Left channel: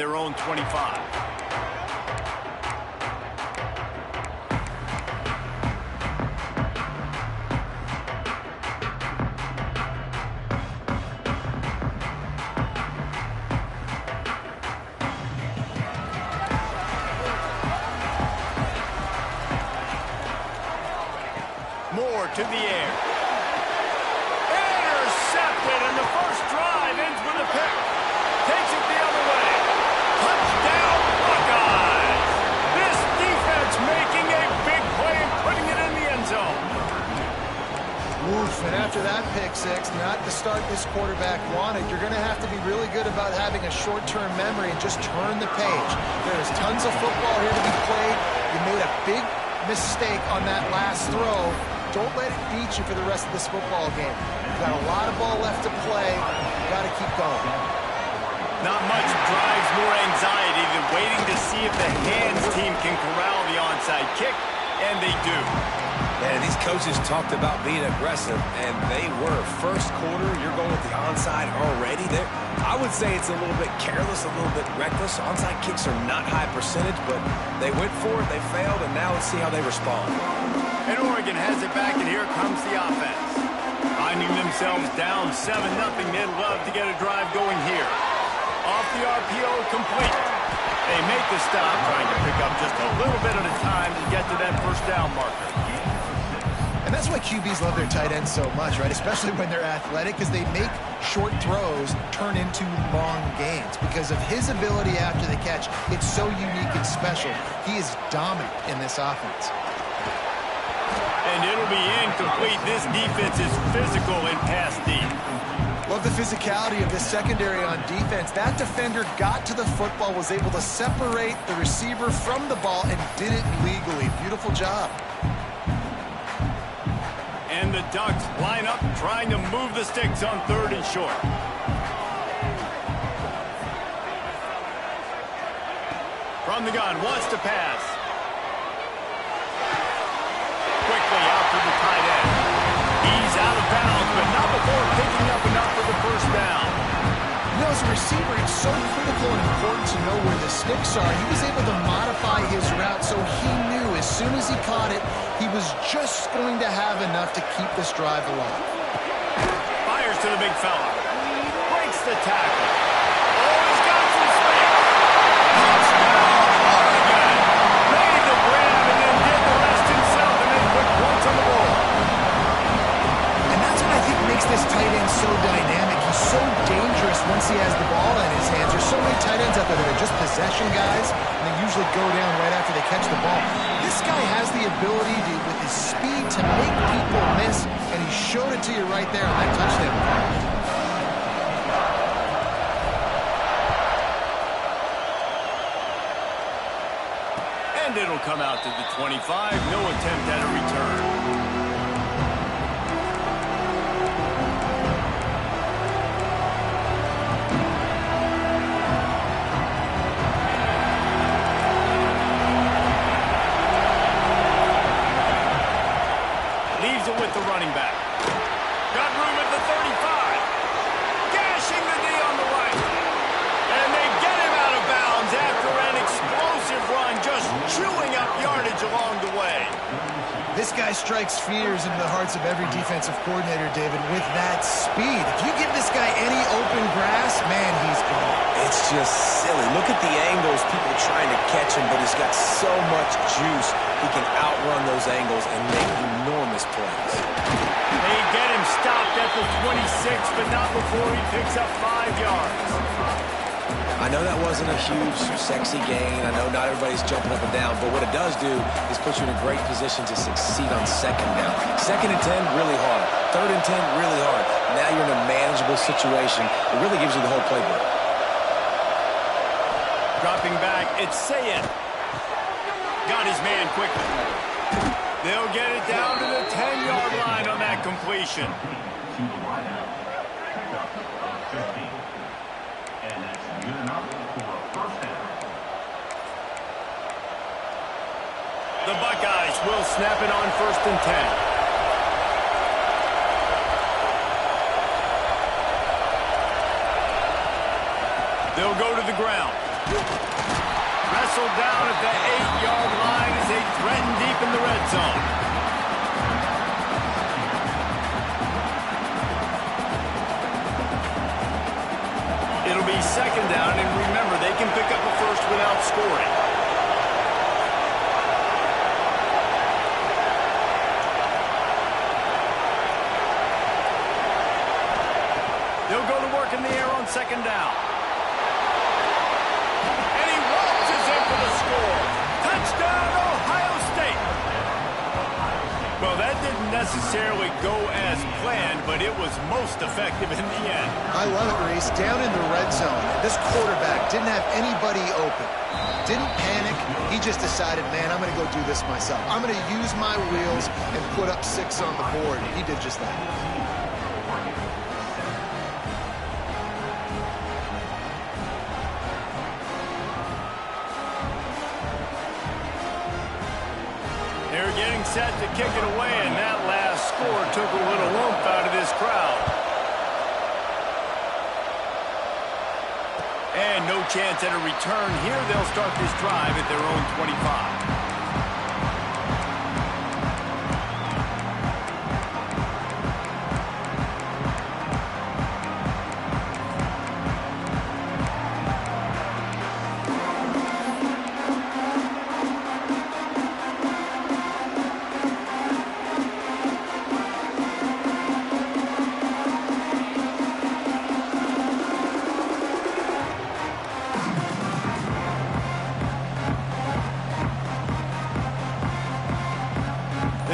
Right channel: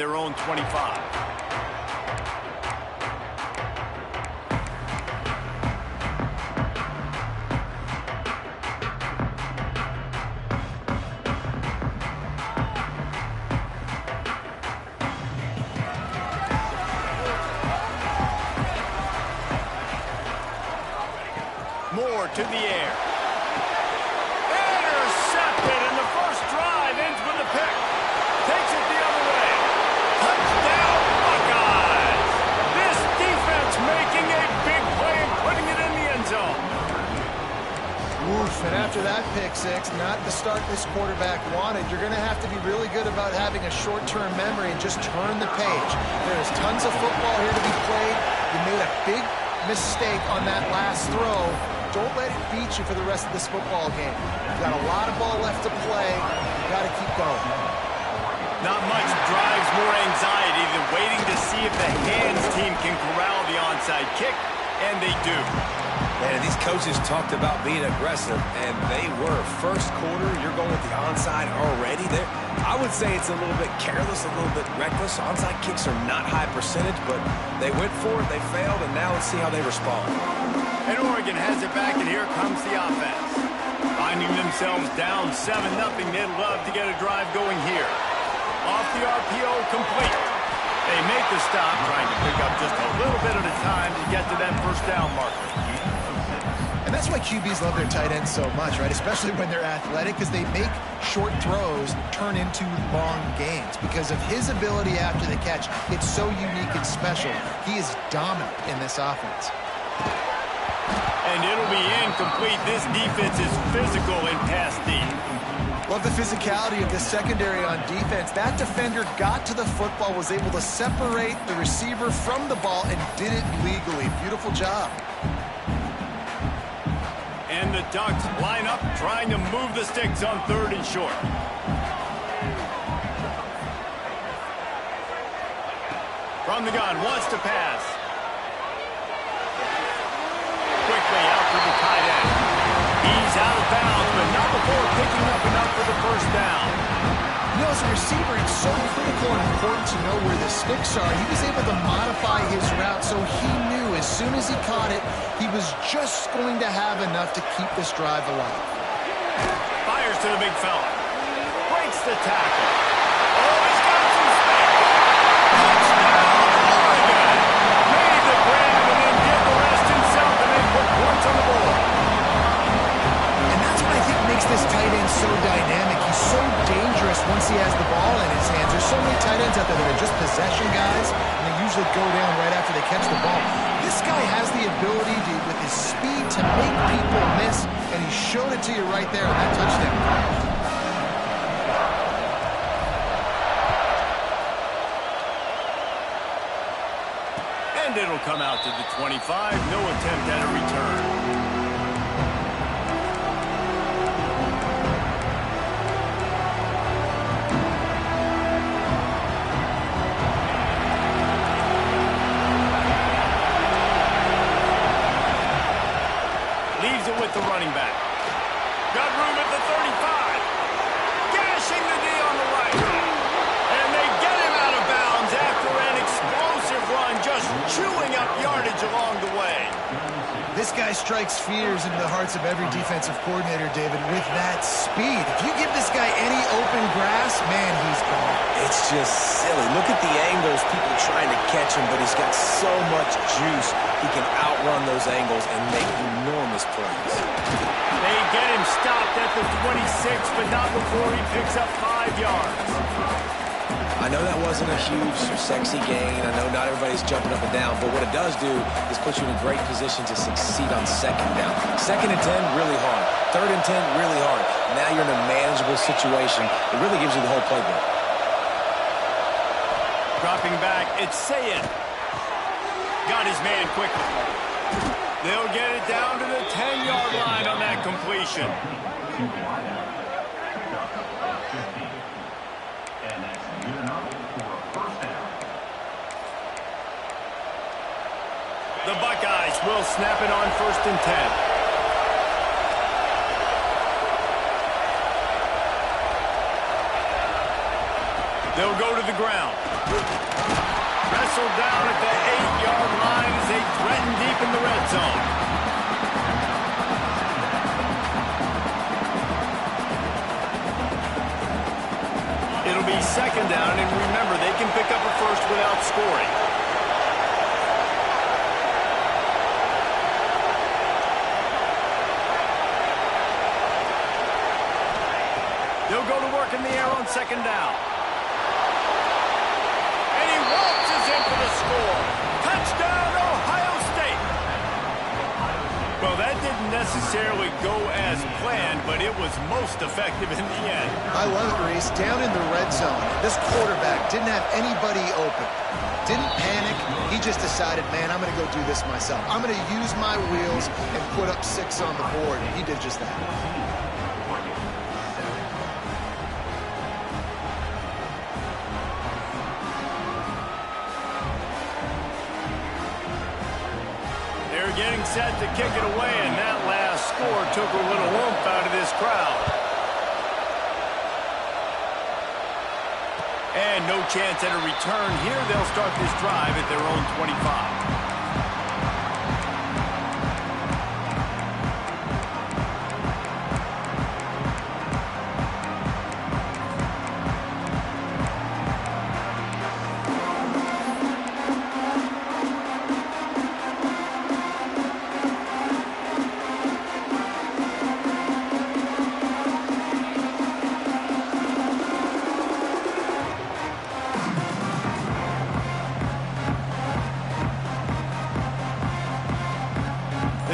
their own 25. Moore to the air. Intercepted, and the first drive ends with a pick. Takes it the other way. Touchdown, Buckeyes! This defense making a big play and putting it in the end zone. Oof, and after that pick six, not the start this quarterback wanted. You're going to have to be really good about having a short-term memory and just turn the page. There's tons of football here to be played. You made a big mistake on that last throw. Don't let it beat you for the rest of this football game. You've got a lot of ball left to play. You've got to keep going. Not much drives more anxiety than waiting to see if the hands team can corral the onside kick, and they do. Man, these coaches talked about being aggressive, and they were. First quarter, you're going with the onside already. I would say it's a little bit careless, a little bit reckless. Onside kicks are not high percentage, but they went for it, they failed, and now let's see how they respond. And Oregon has it back, and here comes the offense. Finding themselves down 7-0, they'd love to get a drive going here. Off the RPO, complete. They make the stop, trying to pick up just a little bit at a time to get to that first down marker. And that's why QBs love their tight ends so much, right? Especially when they're athletic, because they make short throws turn into long gains. Because of his ability after the catch, it's so unique and special. He is dominant in this offense. And it'll be incomplete. This defense is physical in pass deep. Love the physicality of this secondary on defense. That defender got to the football, was able to separate the receiver from the ball, and did it legally. Beautiful job. And the Ducks line up, trying to move the sticks on 3rd and short. From the gun, wants to pass. Quickly out to the tight end. He's out of bounds, but not before picking up enough for the first down. You know, as a receiver, it's so critical and important to know where the sticks are. He was able to modify his route, so he knew as soon as he caught it, he was just going to have enough to keep this drive alive. Fires to the big fella. Breaks the tackle. Oh, he's got some space. Touchdown, Oregon! Made the grab and then did the rest himself, and then put points on the board. And that's what I think makes this tight end so dynamic. He's so dangerous once he has the ball in his hands. There's so many tight ends out there that are just possession guys, and they usually go down right after they catch the ball. This guy has the ability to, with his speed, to make people miss, and he showed it to you right there on that touchdown. And it'll come out to the 25. No attempt at a return. Leaves it with the running back. Got room at the 35. Gashing the D on the right. And they get him out of bounds after an explosive run, just chewing up yardage along the way. This guy strikes fears into the hearts of every defensive coordinator, David, with that speed. If you give this guy any open grass, man, he's gone. It's just silly. Look at the angles, people trying to catch him, but he's got so much juice. He can outrun those angles and make enormous plays. They get him stopped at the 26, but not before he picks up 5 yards. I know that wasn't a huge, sexy gain. I know not everybody's jumping up and down, but what it does do is put you in a great position to succeed on 2nd down. 2nd and 10, really hard. 3rd and 10, really hard. Now you're in a manageable situation. It really gives you the whole playbook. Dropping back, it's Sayed. Got his man quickly. They'll get it down to the 10-yard line on that completion. The Buckeyes will snap it on 1st and 10. They'll go to the ground. Wrestled down at the 8-yard line as they threaten deep in the red zone. It'll be second down, and remember, they can pick up a first without scoring. They'll go to work in the air on second down. And he waltzes in for the score. Touchdown, Ohio State. Well, that didn't necessarily go as planned, but it was most effective in the end. I love it, Reese. Down in the red zone, this quarterback didn't have anybody open. Didn't panic. He just decided, man, I'm going to go do this myself. I'm going to use my wheels and put up 6 on the board. He did just that. They're getting set to kick it away, and that last score took a little oomph out of this crowd. And no chance at a return here. They'll start this drive at their own 25.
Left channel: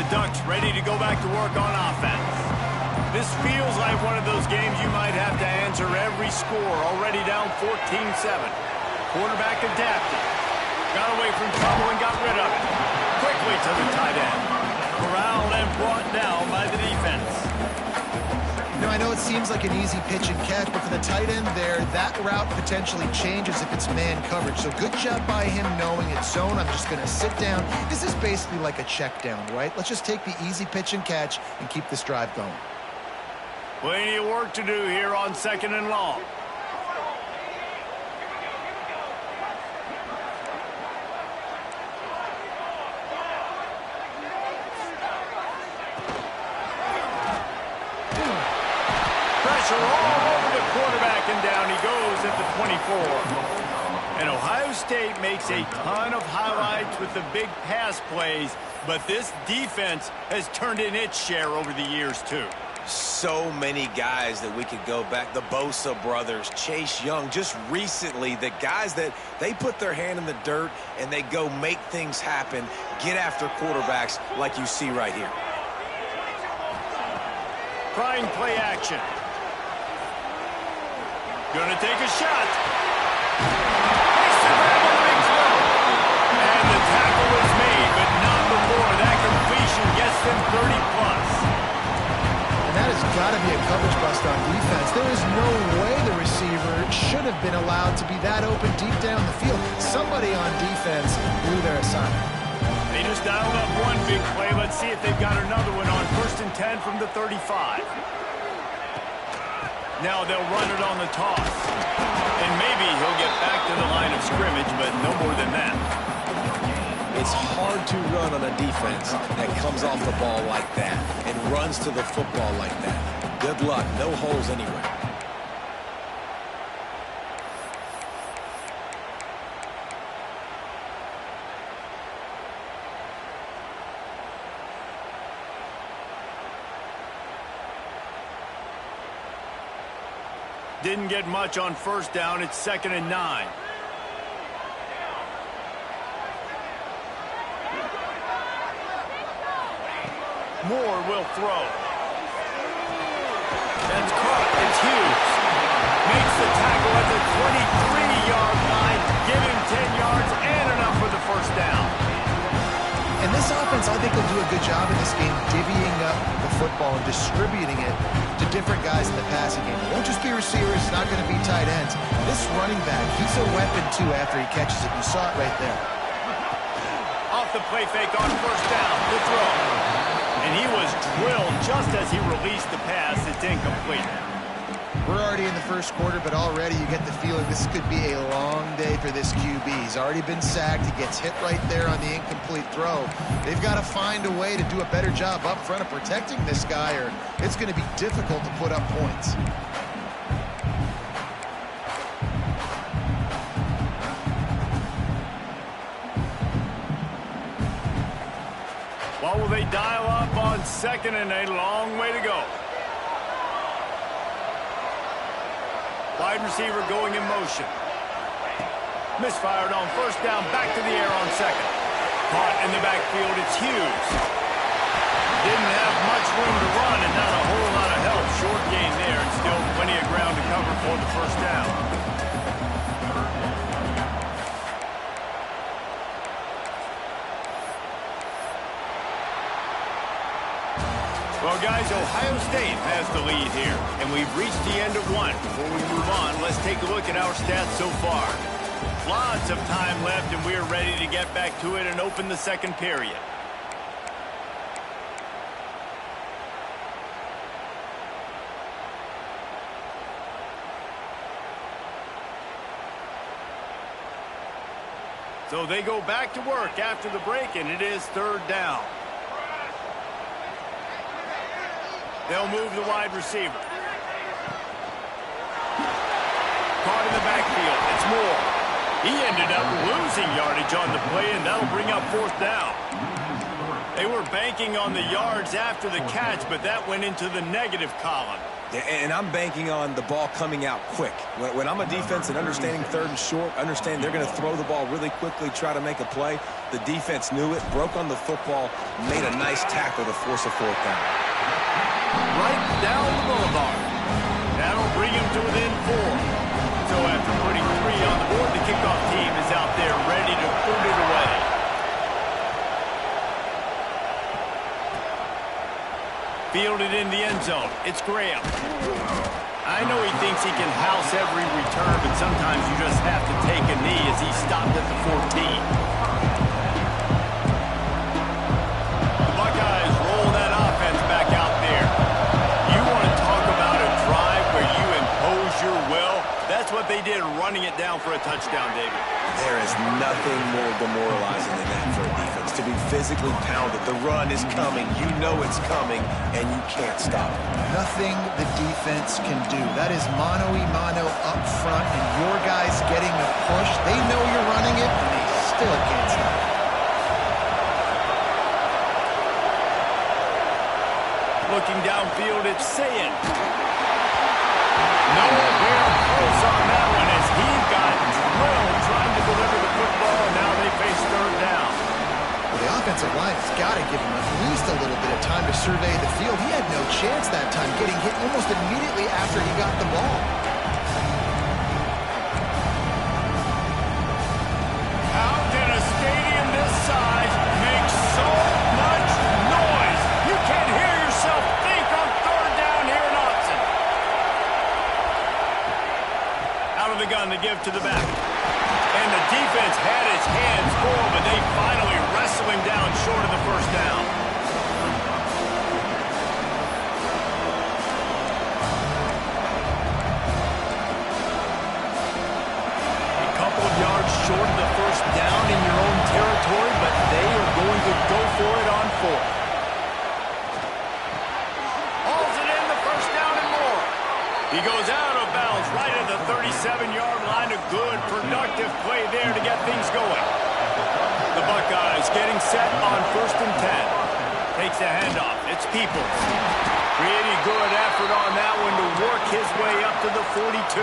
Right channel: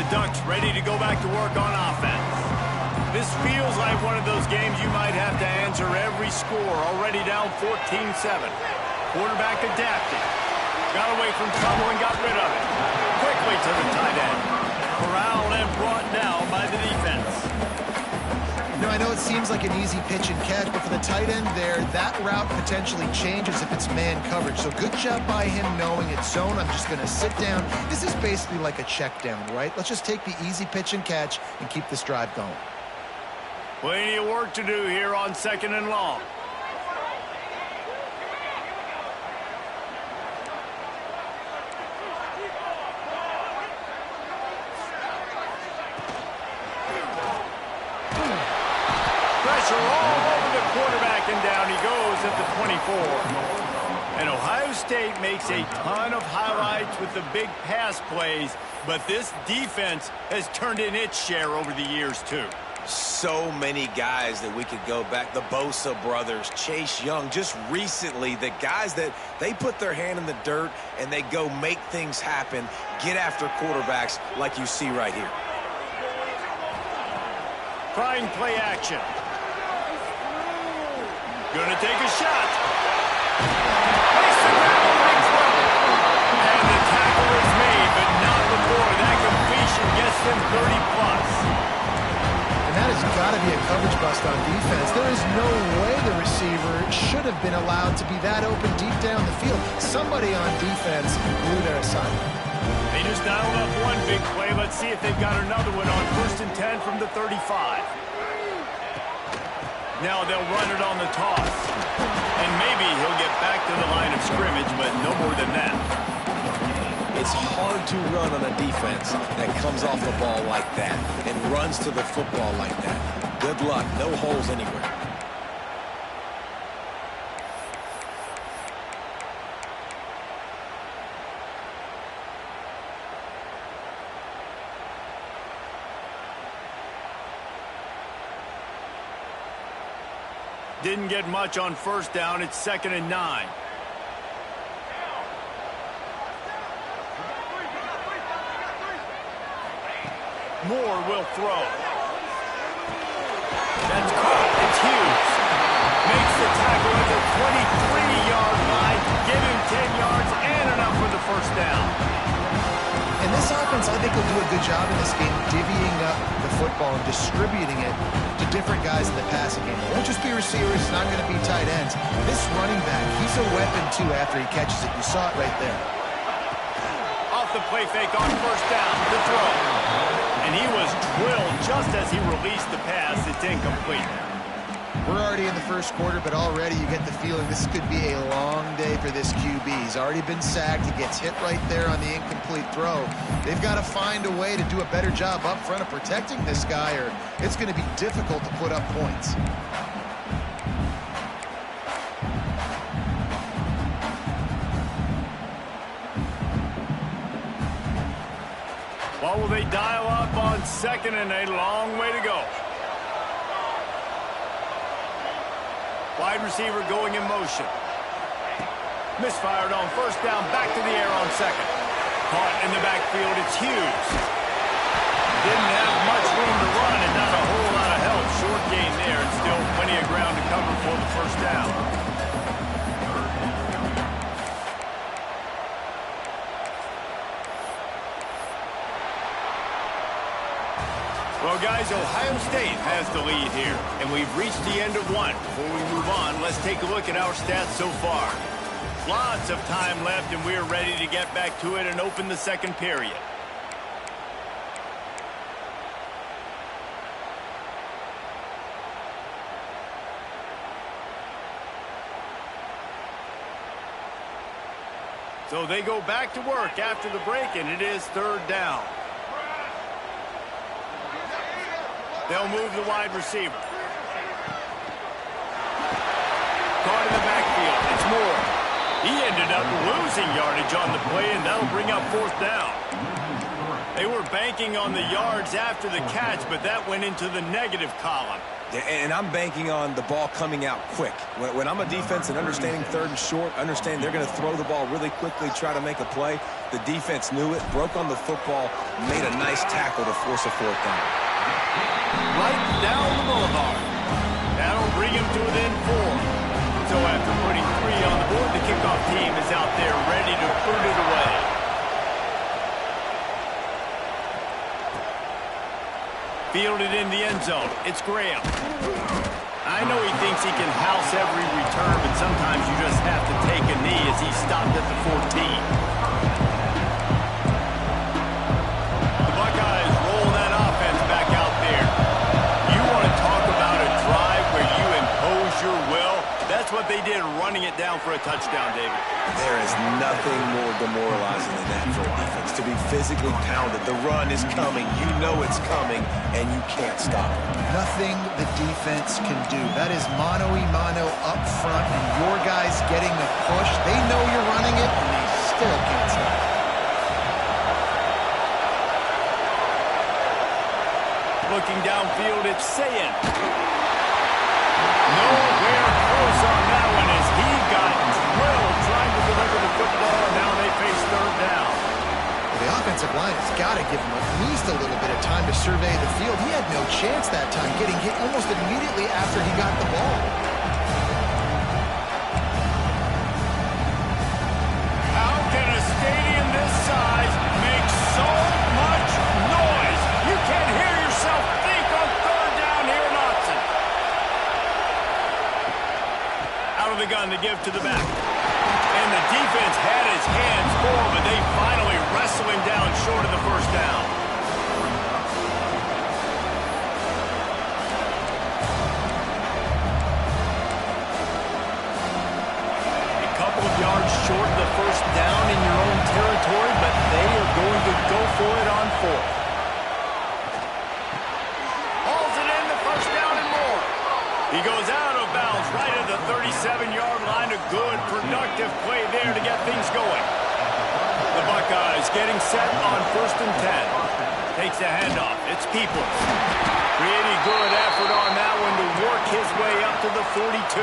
Ducks ready to go back to work on offense. This feels like one of those games you might have to answer every score. Already down 14-7. Quarterback adapted. Got away from trouble and got rid of it. Quickly to the tight end. Corralled and brought down by the defense. You know, I know it seems like an easy pitch and catch, but for the tight end there, that route potentially changes if it's man coverage. So good job by him knowing it's zone. I'm just going to sit down. This is basically like a check down, right? Let's just take the easy pitch and catch and keep this drive going. Plenty of work to do here on second and long. Pressure all over the quarterback, and down he goes at the 24. And Ohio State makes a ton of highlights with the big pass plays, but this defense has turned in its share over the years, too. So many guys that we could go back. The Bosa brothers, Chase Young, just recently, the guys that they put their hand in the dirt and they go make things happen, get after quarterbacks like you see right here. Trying play action. Gonna take a shot. Makes the grab on the big throw. And the tackle is made, but not before that completion gets them 30-plus. And that has got to be a coverage bust on defense. There is no way the receiver should have been allowed to be that open deep down the field. Somebody on defense blew their assignment. They just dialed up one big play. Let's see if they've got another one on 1st and 10 from the 35. Now they'll run it on the toss. And maybe he'll get back to the line of scrimmage, but no more than that. It's hard to run on a defense that comes off the ball like that and runs to the football like that. Good luck. No holes anywhere. Didn't get much on 1st down. It's 2nd and 9. Moore will throw. That's caught. It's Hughes. Makes the tackle at the 23-yard line. Give him 10 yards and enough for the 1st down. And this offense, I think, will do a good job in this game divvying up the football and distributing it to different guys in the passing game. It won't just be receivers. It's not going to be tight ends. This running back, he's a weapon, too, after he catches it. You saw it right there. Off the play fake on 1st down. The throw. And he was drilled just as he released the pass. It's incomplete. We're already in the first quarter, but already you get the feeling this could be a long day for this QB. He's already been sacked. He gets hit right there on the incomplete throw. They've got to find a way to do a better job up front of protecting this guy, or it's going to be difficult to put up points. What will they dial up on second and a long way to go? Wide receiver going in motion. Misfired on first down, back to the air on second. Caught in the backfield, it's Hughes. Didn't have much room to run and not a whole lot of help. Short gain there and still plenty of ground to cover for the first down. Well, guys, Ohio State has the lead here, and we've reached the end of one. Before we move on, let's take a look at our stats so far. Lots of time left, and we're ready to get back to it and open the second period. So they go back to work after the break, and it is third down. They'll move the wide receiver. Caught in the backfield. It's Moore. He ended up losing yardage on the play, and that'll bring up fourth down. They were banking on the yards after the catch, but that went into the negative column. Yeah, and I'm banking on the ball coming out quick. When I'm a defense and understanding third and short, understand they're going to throw the ball really quickly, try to make a play. The defense knew it, broke on the football, made a nice tackle to force a fourth down. Right down the boulevard. That'll bring him to within 4. So after putting 3 on the board, the kickoff team is out there ready to boot it away. Fielded in the end zone. It's Graham. I know he thinks he can house every return, but sometimes you just have to take a knee as he stopped at the 14. The Buckeyes roll that offense back out there. You want to talk about a drive where you impose your will? That's what they did, running it down for a touchdown, David. There is nothing more demoralizing than that for a defense, to be physically pounded. The run is coming. You know it's coming, and you can't stop it. Nothing the defense can do. That is mano-a-mano up front, and your guys getting the push. They know you're running it, and they still can't stop it. Looking downfield, it's Sayin. Nowhere close on that one as he got drilled trying to deliver the football, and now they face third down. Well, the offensive line has got to give him at least a little bit of time to survey the field. He had no chance that time, getting hit almost immediately after he got the ball. How can a stadium this size make so much noise? You can't hear yourself think on third down here in Austin. Out of the gun to give to the back. And the defense had his hands full, but they finally wrestle him down short of the first down. A couple of yards short of the first down in your own territory, but they are going to go for it on fourth. Hauls it in, the first down and more. He goes out of bounds right at the 37-yard line. A good, productive play there to get things going. The Buckeyes getting set on 1st and 10. Takes the handoff. It's Peoples. Pretty good effort on that one to work his way up to the 42.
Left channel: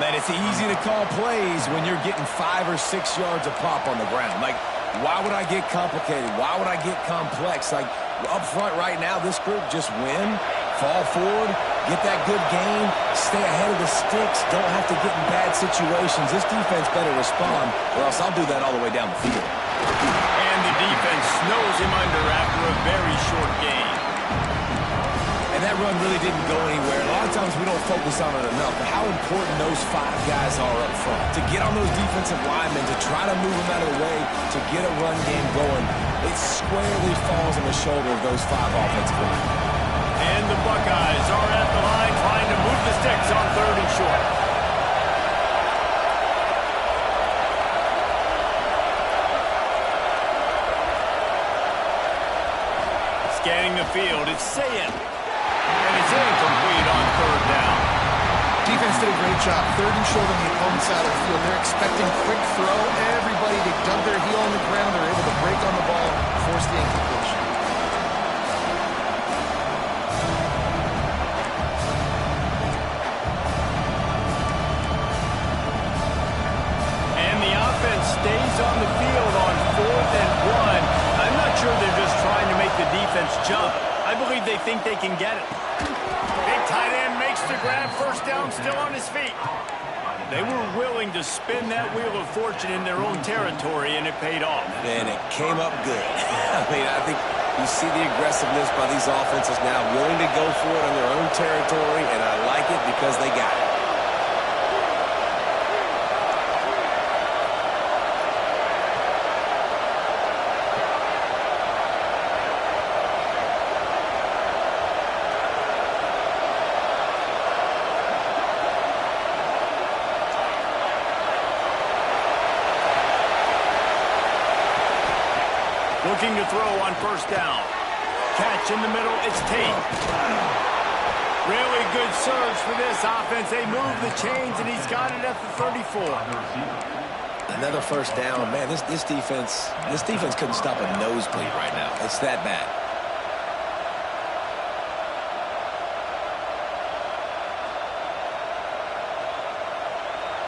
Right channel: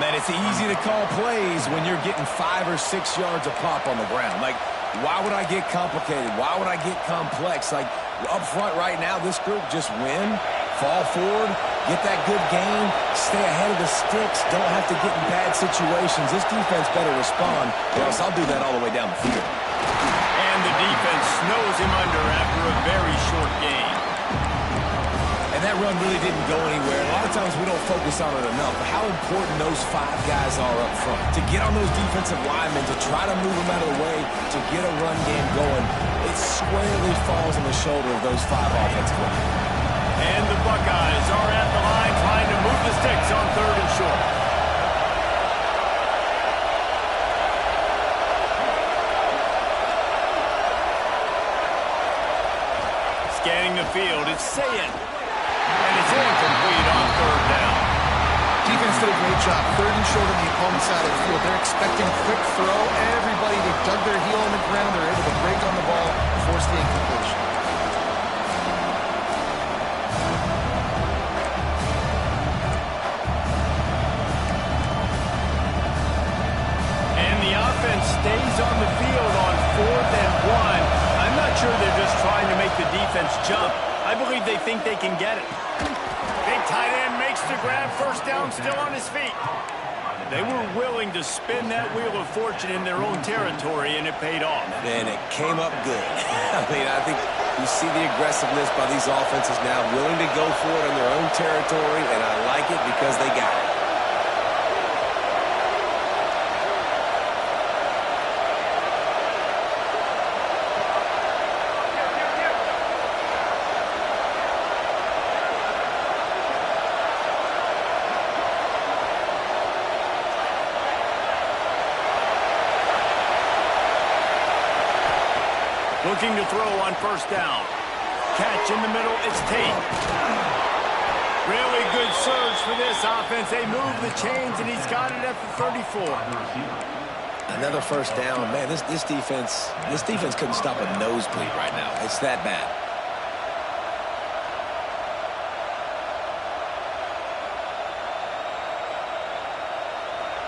Man, it's easy to call plays when you're getting 5 or 6 yards a pop on the ground. Like, why would I get complicated? Why would I get complex? Like, up front right now, this group just win, fall forward, get that good game, stay ahead of the sticks, don't have to get in bad situations. This defense better respond, or else I'll do that all the way down the field. And the defense snows him under after a very short game. And that run really didn't go anywhere. A lot of times we don't focus on it enough, but how important those 5 guys are up front. To get on those defensive linemen, to try to move them out of the way, to get a run game going, it squarely falls on the shoulder of those 5 offensive linemen. And the Buckeyes are at the line trying to move the sticks on 3rd and short. Scanning the field, it's Sayin. And it's incomplete on 3rd down. Defense did a great job. 3rd and short on the opponent's side of the field. They're expecting quick throw. Everybody, they dug their heel on the ground. They're able to break on the ball, force the incompletion. And the offense stays on the field on 4th and 1. I'm not sure they're just trying to make the defense jump. I believe they think they can get it. Big tight end makes the grab, 1st down, still on his feet. They were willing to spin that wheel of fortune in their own territory, and it paid off. And it came up good. I mean, I think you see the aggressiveness by these offenses now, willing to go for it on their own territory, and I like it because they got it. Looking to throw on 1st down. Catch in the middle, it's Tate. Really good surge for this offense. They move the chains, and he's got it at the 34. Another 1st down. Man, this defense couldn't stop a nosebleed right now. It's that bad.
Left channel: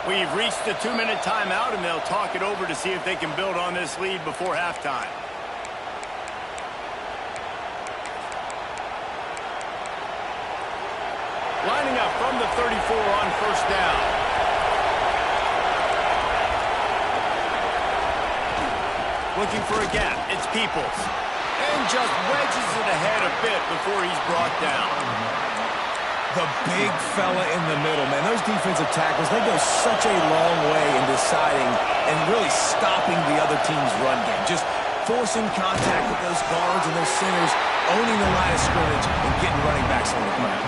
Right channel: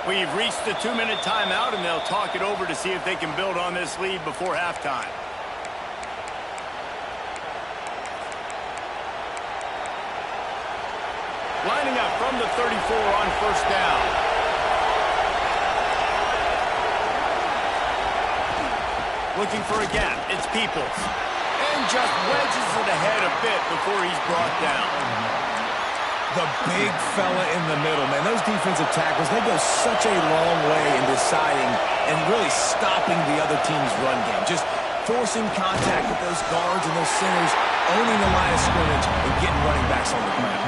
We've reached the 2-minute timeout, and they'll talk it over to see if they can build on this lead before halftime. Lining up from the 34 on 1st down. Looking for a gap. It's Peoples. And just wedges it ahead a bit before he's brought down. The big fella in the middle, man. Those defensive tackles, they go such a long way in deciding and really stopping the other team's run game. Just forcing contact with those guards and those centers, owning the line of scrimmage, and getting running backs on the ground.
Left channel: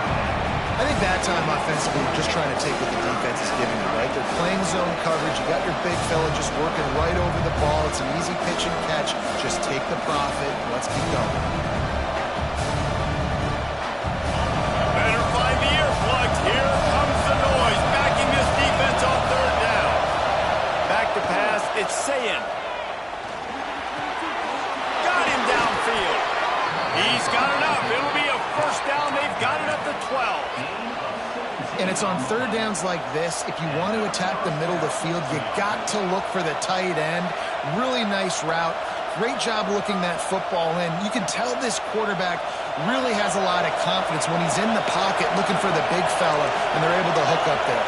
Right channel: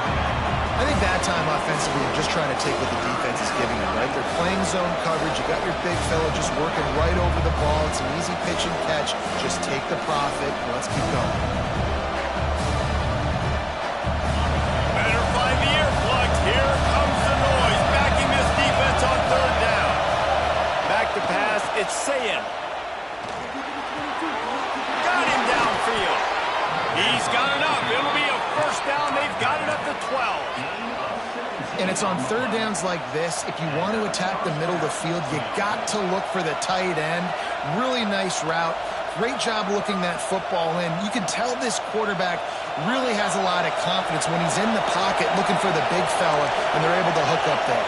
I think that time offensively, you're just trying to take what the defense is giving them, right? They're playing zone coverage. You got your big fella just working right over the ball. It's an easy pitch and catch. Just take the profit. Let's keep going. Better find the earplugs. Here comes the noise. Backing this defense on 3rd down. Back to pass. It's Sayin. Got him downfield. He's got enough. It'll be a 1st down. They've got it at the 12. And it's on 3rd downs like this. If you want to attack the middle of the field, you got to look for the tight end. Really nice route. Great job looking that football in. You can tell this quarterback really has a lot of confidence when he's in the pocket looking for the big fella, and they're able to hook up there.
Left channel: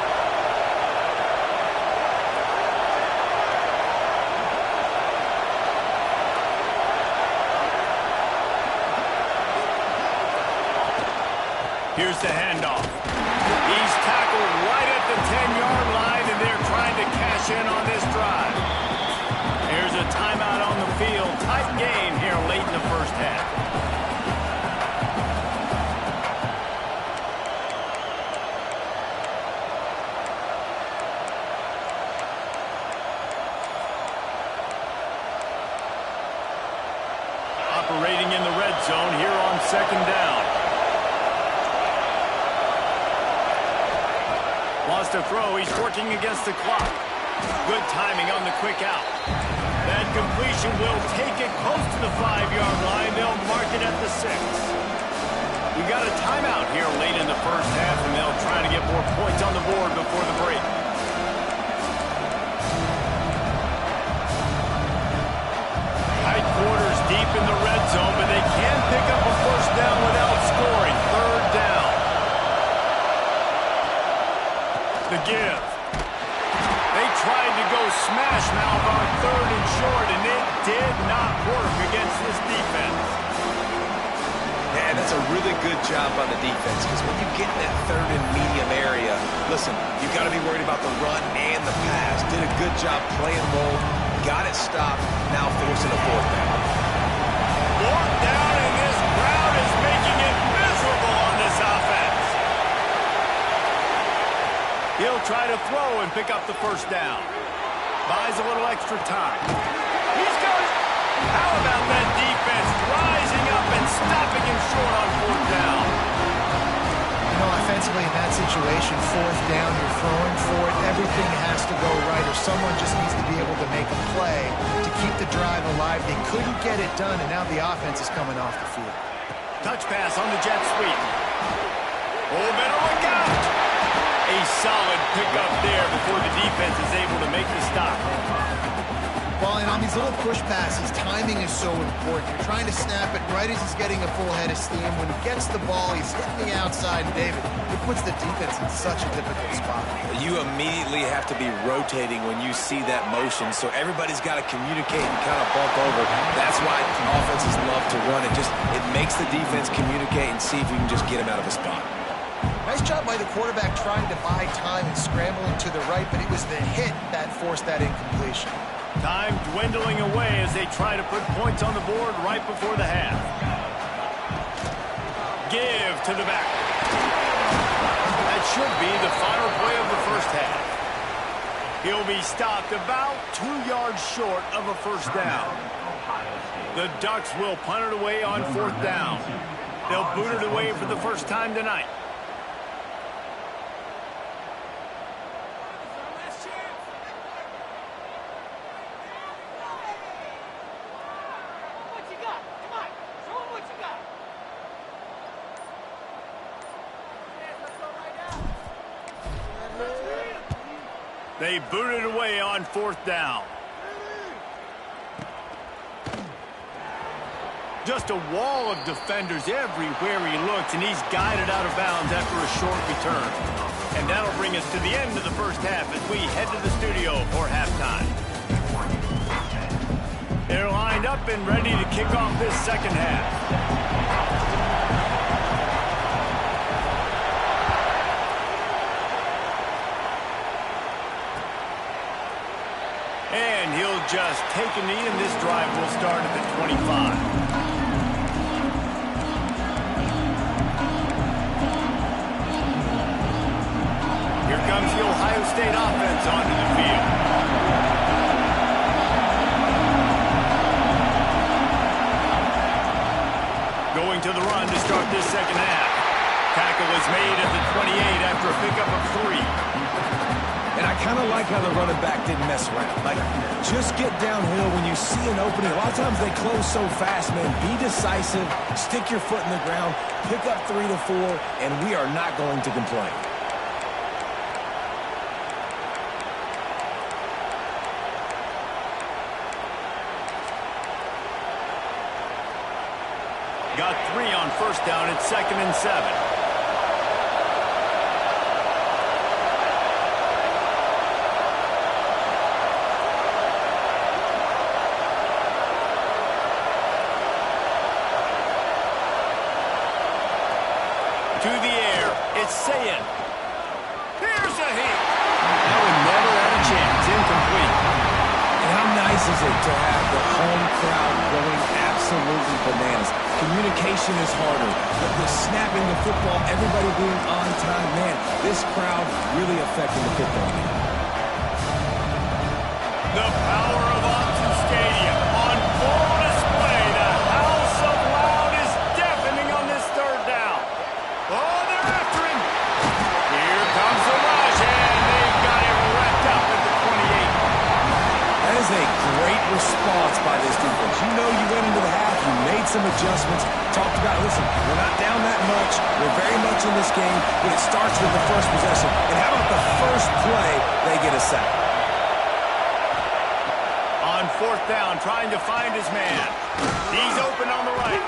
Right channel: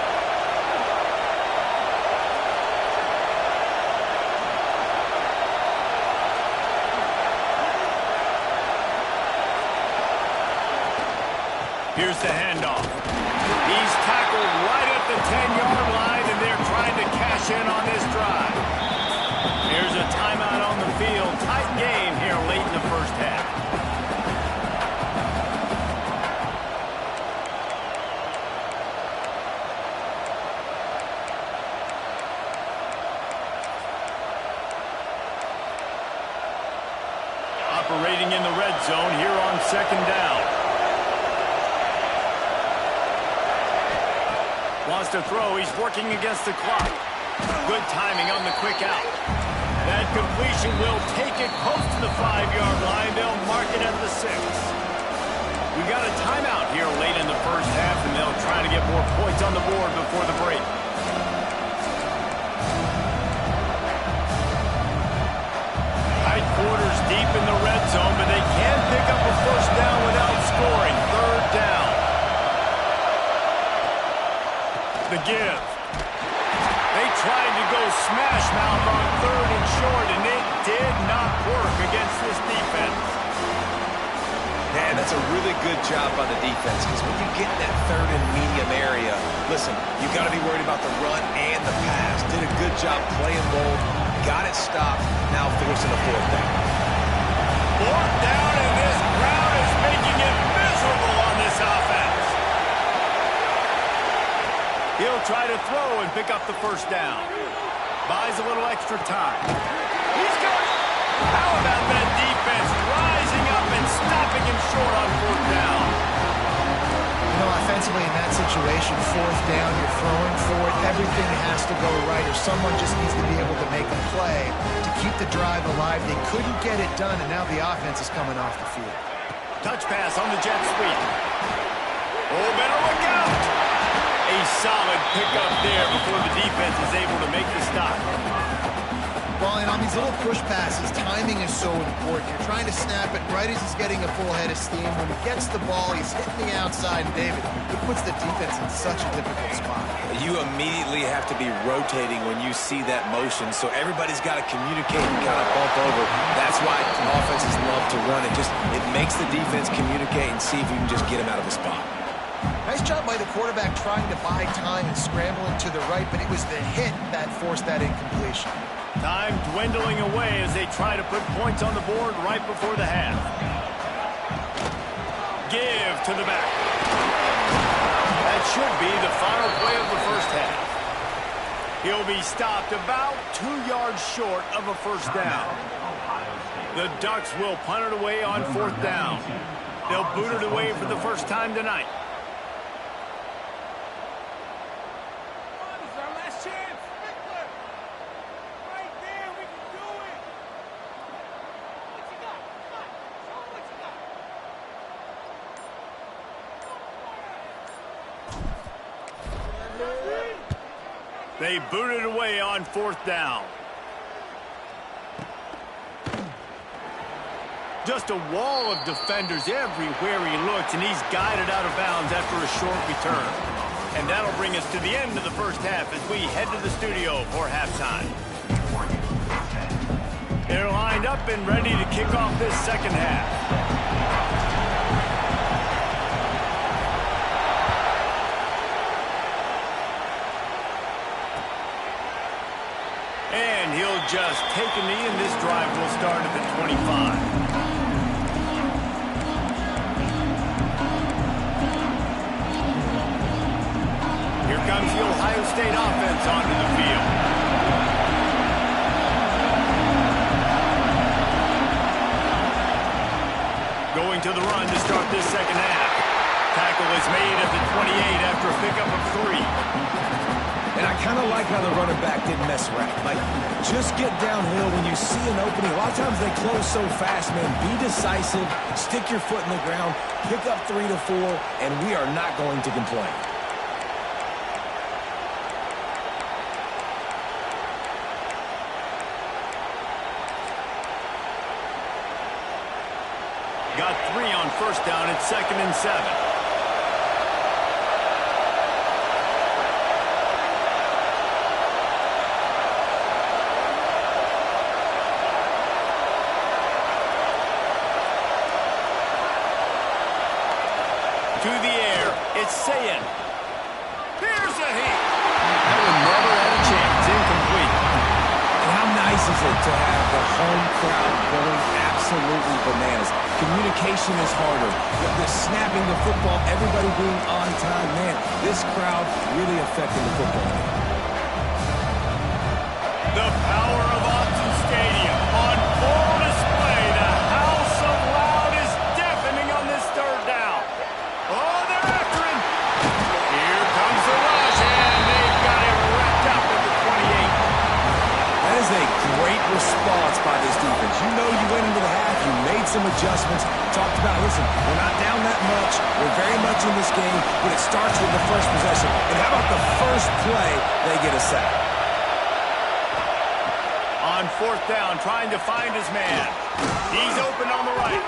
Here's the handoff. He's tackled right at the 10-yard line, and they're trying to cash in on this drive. Here's a timeout on the field. Tight game here late in the 1st half. Operating in the red zone here on 2nd down. Wants to throw. He's working against the clock. Good timing on the quick out. That completion will take it close to the 5-yard line. They'll mark it at the 6. We got a timeout here late in the 1st half, and they'll try to get more points on the board before the break. Tight quarters deep in the red zone, but they can pick up a 1st down without scoring. 3rd down. The give. They tried to go smash mouth on 3rd and short, and it did not work against this defense. Man, that's a really good job by the defense, because when you get in that 3rd and medium area, listen, you got to be worried about the run and the pass. Did a good job playing both, got it stopped, now forcing a 4th down. 4th down, and this crowd is making it miserable He'll try to throw and pick up the first down. Buys a little extra time. He's got it. How about that defense rising up and stopping him short on fourth down? You know, offensively in that situation, fourth down, you're throwing for it. Everything has to go right, or someone just needs to be able to make a play to keep the drive alive. They couldn't get it done, and now the offense is coming off the field. Touch pass on the jet sweep. Oh, better look out. A solid pickup there before the defense is able to make the stop. Well, and on these little push passes, timing is so important. You're trying to snap it right as he's getting a full head of steam. When he gets the ball, he's hitting the outside, and David, it puts the defense in such a difficult spot. You immediately have to be rotating when you see that motion, so everybody's got to communicate and kind of bump over. That's why offenses love to run it. It makes the defense communicate and see if you can just get him out of a spot. Nice job by the quarterback trying to buy time and scrambling to the right, but it was the hit that forced that incompletion. Time dwindling away as they try to put points on the board right before the half. Give to the back. That should be the final play of the first half. He'll be stopped about 2 yards short of a first down. The Ducks will punt it away on fourth down. They'll boot it away for the first time tonight. They booted away on fourth down. Just a wall of defenders everywhere he looks, and he's guided out of bounds after a short return. And that'll bring us to the end of the first half as we head to the studio for halftime. They're lined up and ready to kick off this second half. And he'll just take a knee, and this drive will start at the 25. Here comes the Ohio State offense onto the field. Going to the run to start this second half. Tackle is made at the 28 after a pickup of 3. And I kind of like how the running back didn't mess around. Like, just get downhill when you see an opening. A lot of times they close so fast, man. Be decisive, stick your foot in the ground, pick up 3 to 4, and we are not going to complain. Got 3 on first down. It's 2nd and 7. To the air, it's Sayin. Here's a hit. That one never had a chance. Incomplete. And how nice is it to have the home crowd going absolutely bananas? Communication is harder. The snapping the football, everybody being on time. Man, this crowd really affecting the football game. The power of Autzen Stadium on full display. The house of loud is deafening on this third down. Oh, they're after him. Here comes the rush, and they've got him wrapped up at the 28. That is a great response by this defense. You know you went into the half, you made some adjustments, talked about, listen, we're not down that much, we're very much in this game, but it starts with the first possession. And how about the first play, they get a sack? On fourth down, trying to find his man. He's open on the right.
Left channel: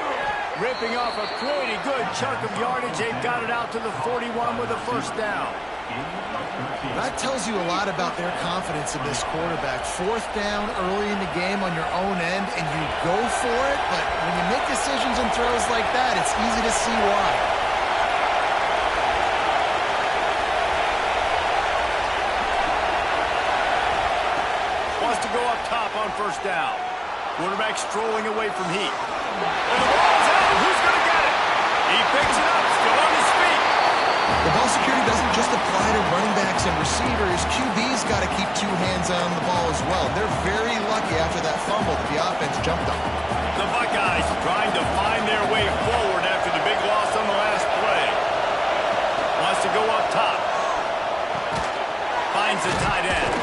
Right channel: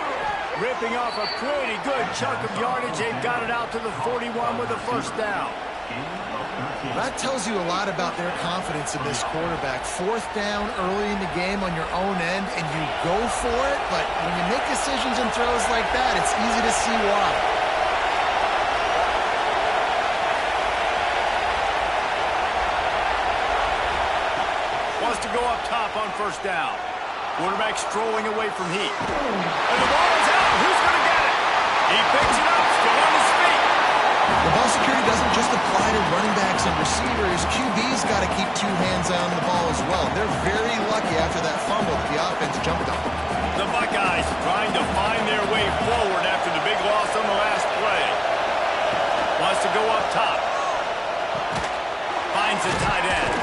Ripping off a pretty good chunk of yardage. They've got it out to the 41 with a first down. That tells you a lot about their confidence in this quarterback. Fourth down early in the game on your own end, and you go for it, but when you make decisions and throws like that, it's easy to see why. Wants to go up top on first down. Quarterback strolling away from heat. And the ball is out. Who's going to get it? He picks it up, still on his feet. The ball security doesn't just apply to running backs and receivers. QB's got to keep two hands on the ball as well. They're very lucky after that fumble that the offense jumped on. The Buckeyes trying to find their way forward after the big loss on the last play. Wants to go up top. Finds a tight end.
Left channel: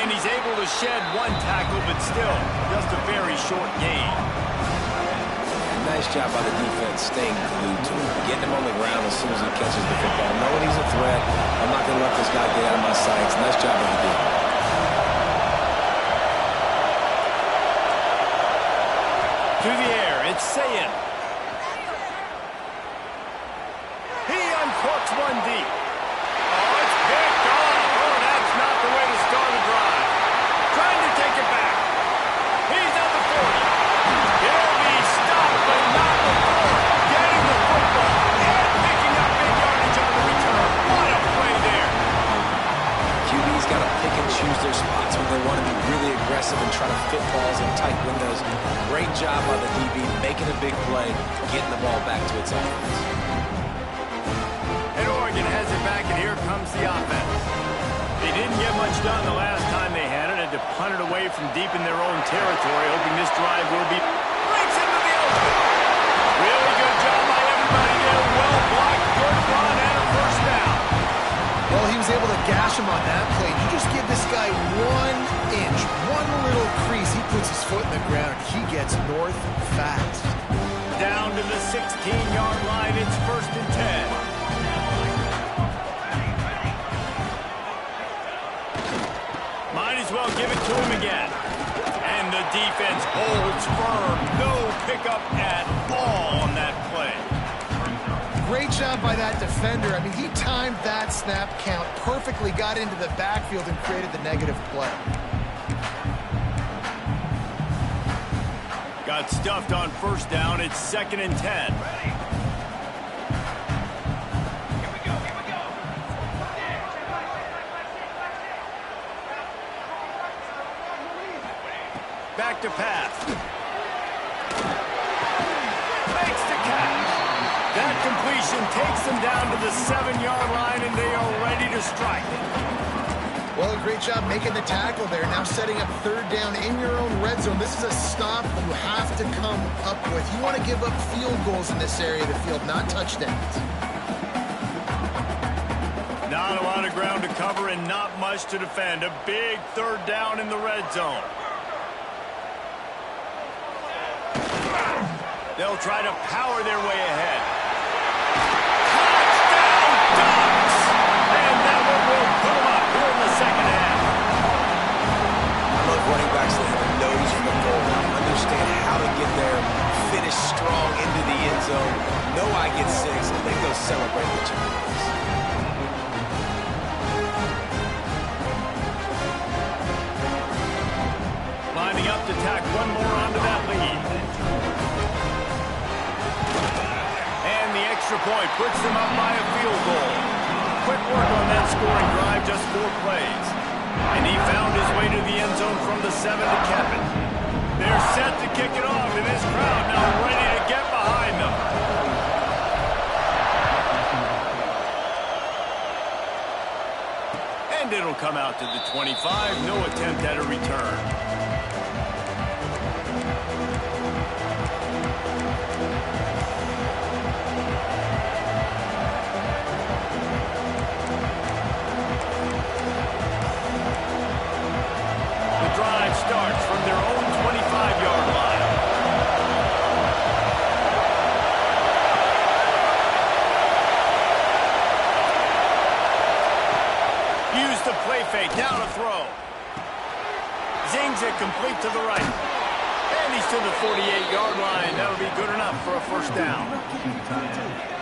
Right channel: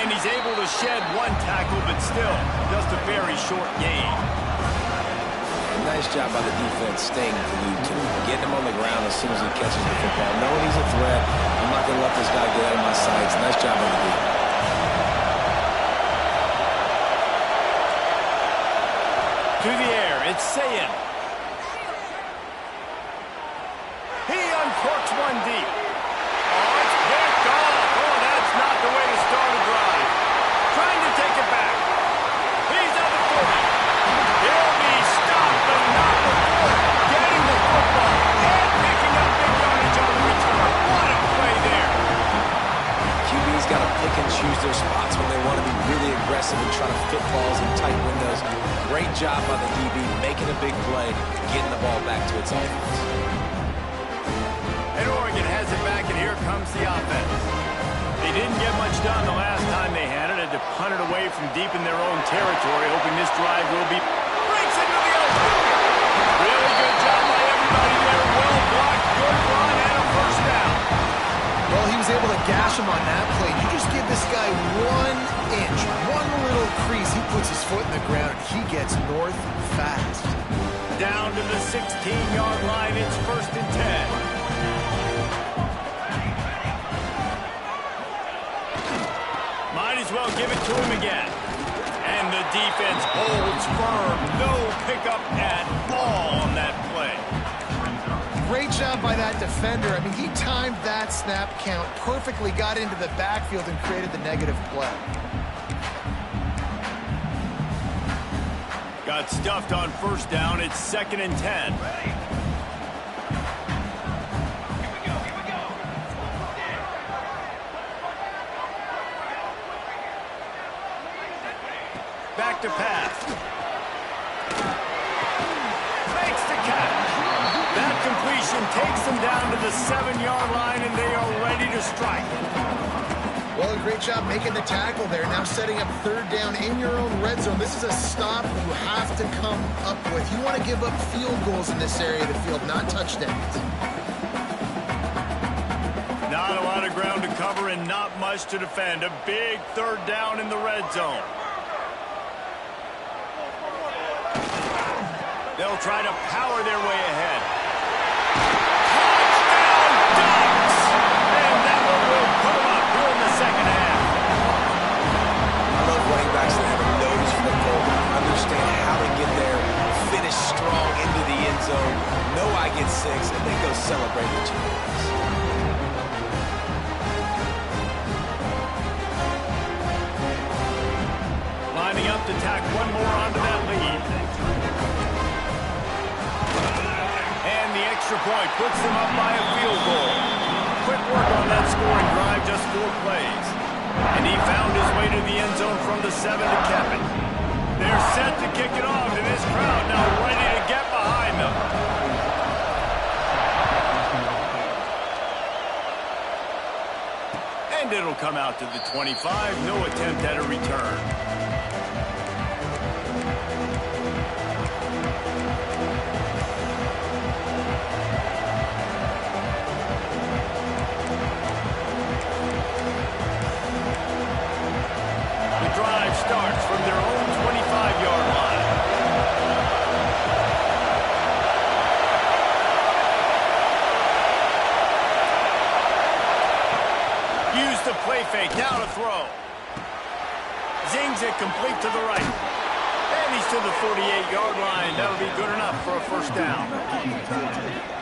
And he's able to shed one tackle, but still just a very short gain. Nice job by the defense staying glued to him, getting him on the ground as soon as he catches the football, knowing he's a threat. I'm not going to let this guy get out of my sights. Nice job by the defense. To the air, it's Sayin. He uncorks one deep. Oh, it's picked off. Oh, that's not the way to start a drive. Trying to take it back. He's at the 40. He'll be stopped, but not before getting the football and picking up big yardage on the return. What a play there. QB's got to pick and choose their spots when they want to be really aggressive and try to fit balls in tight windows. Great job by the DB making a big play, getting the ball back to its offense. And Oregon has it back, and here comes the offense. They didn't get much done the last time they had it. Had to punt it away from deep in their own territory, hoping this drive will be... Breaks into the open. Really good job by everybody there. Well blocked, good run, and a first down. Well, he was able to gash him on that play. You just give this guy 1 inch, one little crease. He puts his foot in the ground, and he gets north fast. Down to the 16-yard line. It's 1st and 10. Might as well give it to him again. And the defense holds firm. No pickup at all on that play. Great job by that defender. I mean, he timed that snap count perfectly, got into the backfield, and created the negative play. Got stuffed on 1st down. It's 2nd and 10. Back to pass. Makes the catch. That completion takes them down to the 7-yard line, and they are ready to strike. Well, a great job making the tackle there. Now setting up 3rd down in your own red zone. This is a stop you have to come up with. You want to give up field goals in this area of the field, not touchdowns. Not a lot of ground to cover and not much to defend. A big 3rd down in the red zone. They'll try to power their way ahead. Touchdown Ducks! And that one will put them up here in the 2nd half. I love running backs that have a nose for the goal line, understand how to get there, finish strong into the end zone, know I get 6, and then go celebrate with your boys. Lining up to tack one more onto that lead. And the extra point puts them up by a field goal. Quick work on that scoring drive, just 4 plays. And he found his way to the end zone from the 7 to cap it. They're set to kick it off, and this crowd now ready to get behind them. And it'll come out to the 25. No attempt at a return. Drive starts from their own 25-yard line. Use the play fake, now to throw. Zings it complete to the right. And he's to the 48-yard line. That'll be good enough for a 1st down.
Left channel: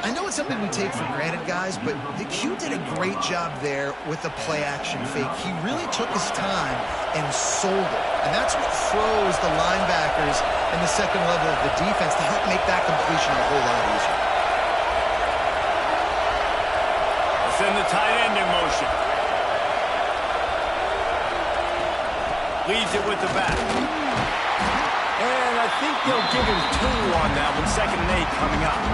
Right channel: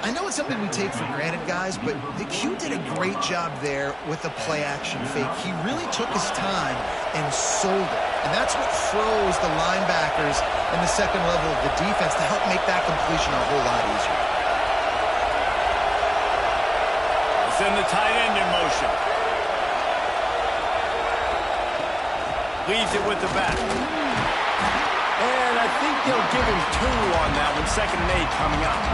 I know it's something we take for granted, guys, but the Q did a great job there with the play-action fake. He really took his time and sold it. And that's what froze the linebackers in the 2nd level of the defense to help make that completion a whole lot easier. Let's send the tight end in motion. Leaves it with the back. And I think they'll give him 2 on that one. 2nd and 8 coming up.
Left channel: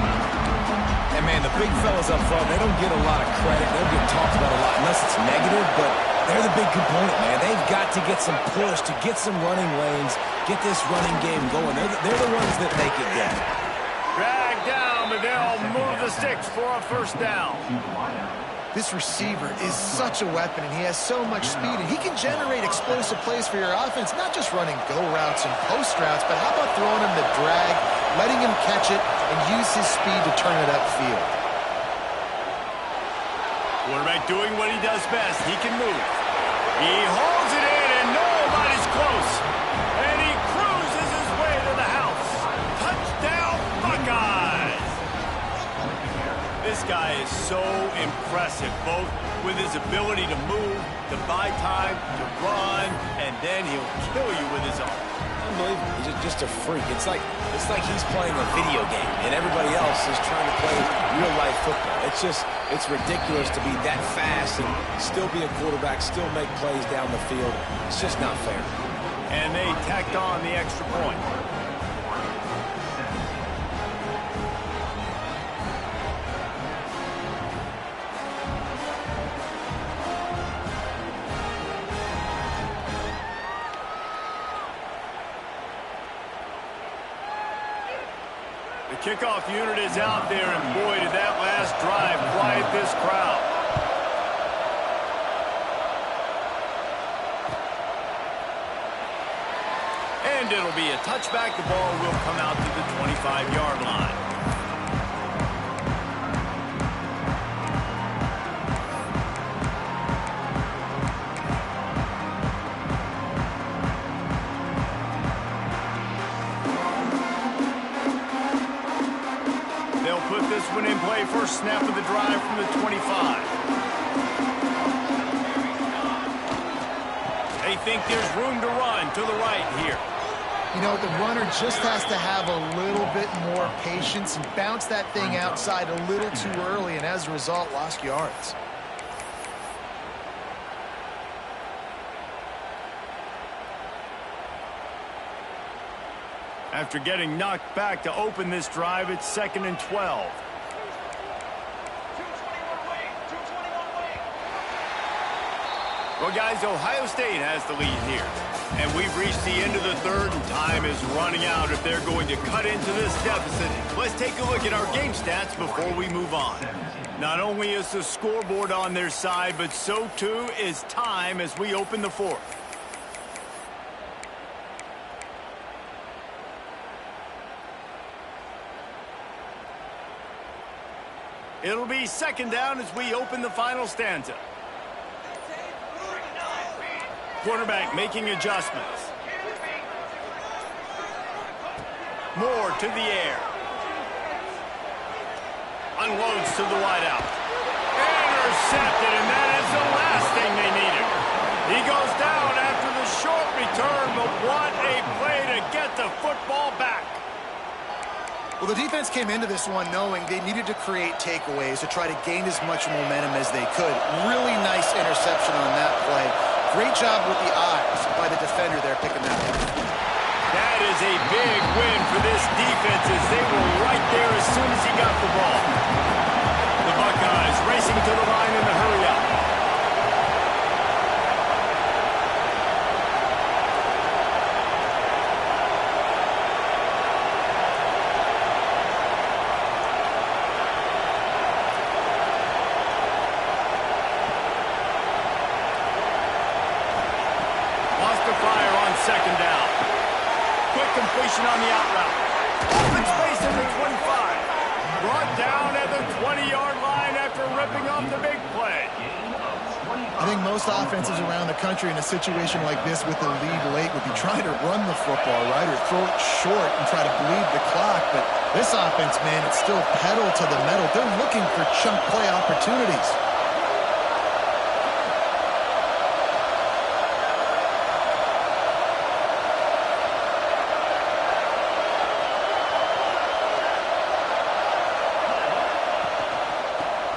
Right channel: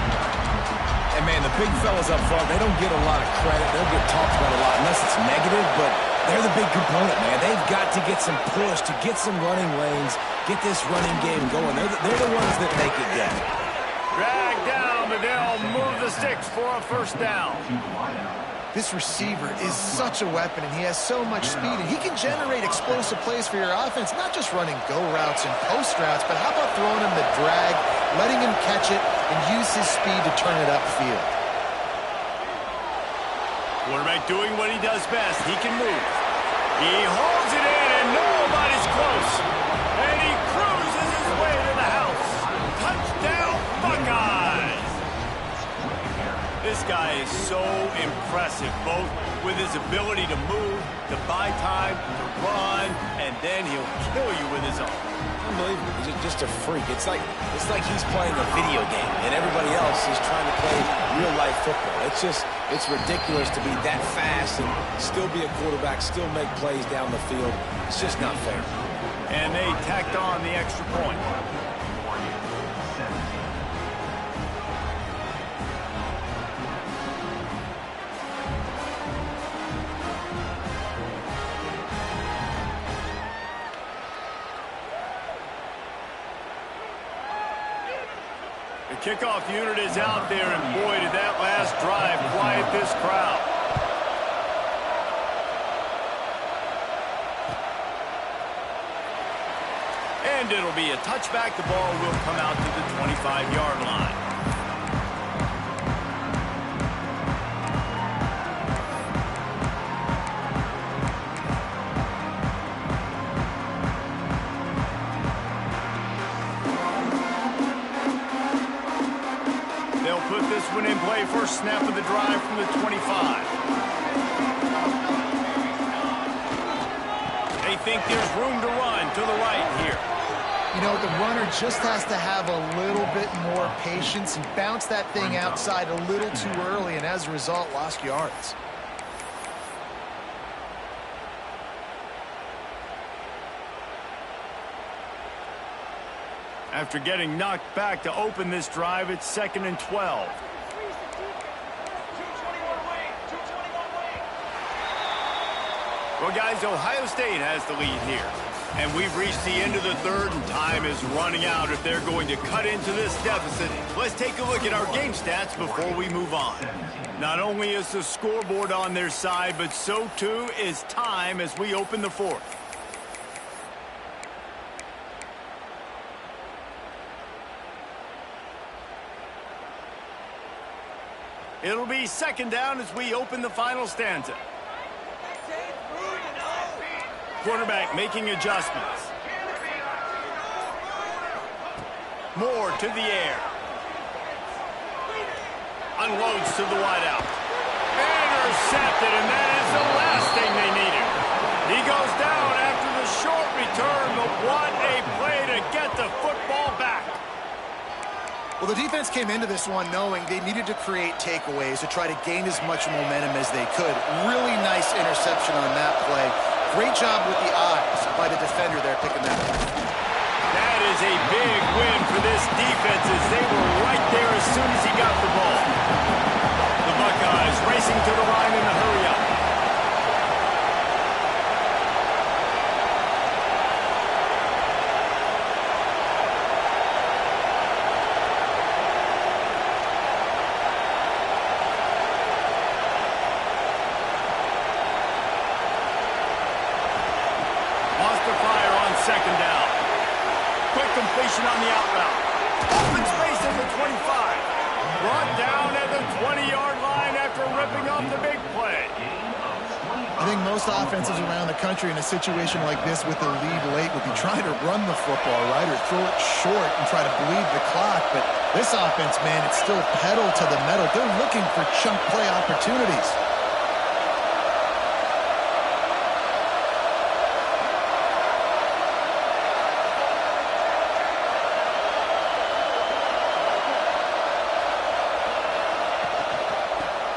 And, man, the big fellas up front, they don't get a lot of credit. They don't get talked about a lot unless it's negative, but they're the big component, man. They've got to get some push, to get some running lanes, get this running game going. They're the ones that make it go. Drag down, but they'll move the sticks for a first down. This receiver is such a weapon, and he has so much speed, and he can generate explosive plays for your offense, not just running go routes and post routes, but how about throwing him the drag, letting him catch it, and use his speed to turn it upfield. Quarterback doing what he does best. He can move. He holds it in, and nobody's close. And he cruises his way to the house. Touchdown, Buckeyes! This guy is so impressive, both with his ability to move, to buy time, to run, and then he'll kill you with his arm. Unbelievable. He's just a freak. It's like he's playing a video game, and everybody else is trying to play real-life football. It's ridiculous to be that fast and still be a quarterback, still make plays down the field. It's just not fair. And they tacked on the extra point. The kickoff unit is out there, and boy, did that last drive quiet this crowd. And it'll be a touchback. The ball will come out to the 25-yard line. They'll put this one in play. First snap of the drive from the 25. They think there's room to run to the right here. You know, the runner just has to have a little bit more patience and bounce that thing outside a little too early, and as a result, lost yards. After getting knocked back to open this drive, it's 2nd and 12. Well, guys, Ohio State has the lead here. And we've reached the end of the third, and time is running out if they're going to cut into this deficit. Let's take a look at our game stats before we move on. Not only is the scoreboard on their side, but so too is time as we open the fourth. It'll be 2nd down as we open the final stanza. Quarterback making adjustments. Moore to the air. Unloads to the wideout. Intercepted, and that is the last thing they needed. He goes down after the short return, but what a play to get the football back. Well, the defense came into this one knowing they needed to create takeaways to try to gain as much momentum as they could. Really nice interception on that play. Great job with the eyes by the defender there picking that up. That is a big win for this defense as they were right there as soon as he got the ball. The Buckeyes racing to the line in the hurry-up. Lost the fire on 2nd down. Quick completion on the out route. Open space at the 25. Brought down at the 20-yard line after ripping off the big play. I think most offenses around the country in a situation like this with the lead late would be trying to run the football, right, or throw it short and try to bleed the clock. But this offense, man, it's still pedal to the metal. They're looking for chunk play opportunities.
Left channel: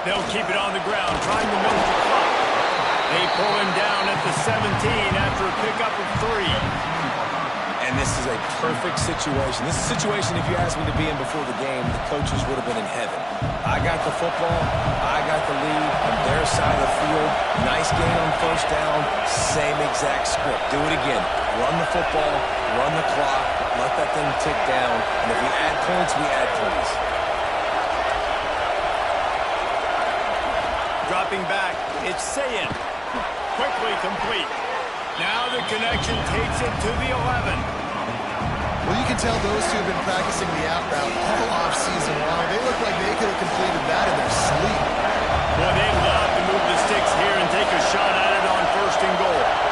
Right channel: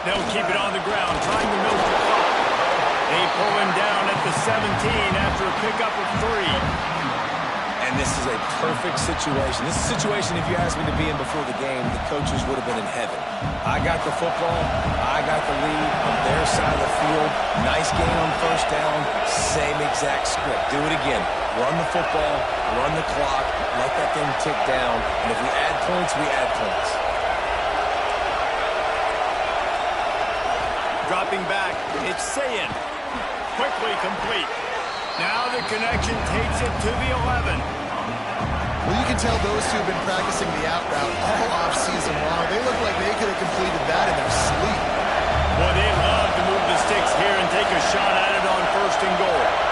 They'll keep it on the ground, trying to milk the clock. They pull him down at the 17 after a pickup of 3. And And this is a perfect situation. This is a situation, if you asked me to be in before the game, the coaches would have been in heaven. I got the football. I got the lead on their side of the field. Nice gain on first down. Same exact script. Do it again. Run the football. Run the clock. Let that thing tick down. And if we add points, we add points. Dropping back, it's Sayin. Quickly complete. Now the connection takes it to the 11. Well, you can tell those two have been practicing the out route all off-season long. They look like they could have completed that in their sleep. Boy, they'd love to move the sticks here and take a shot at it on first and goal.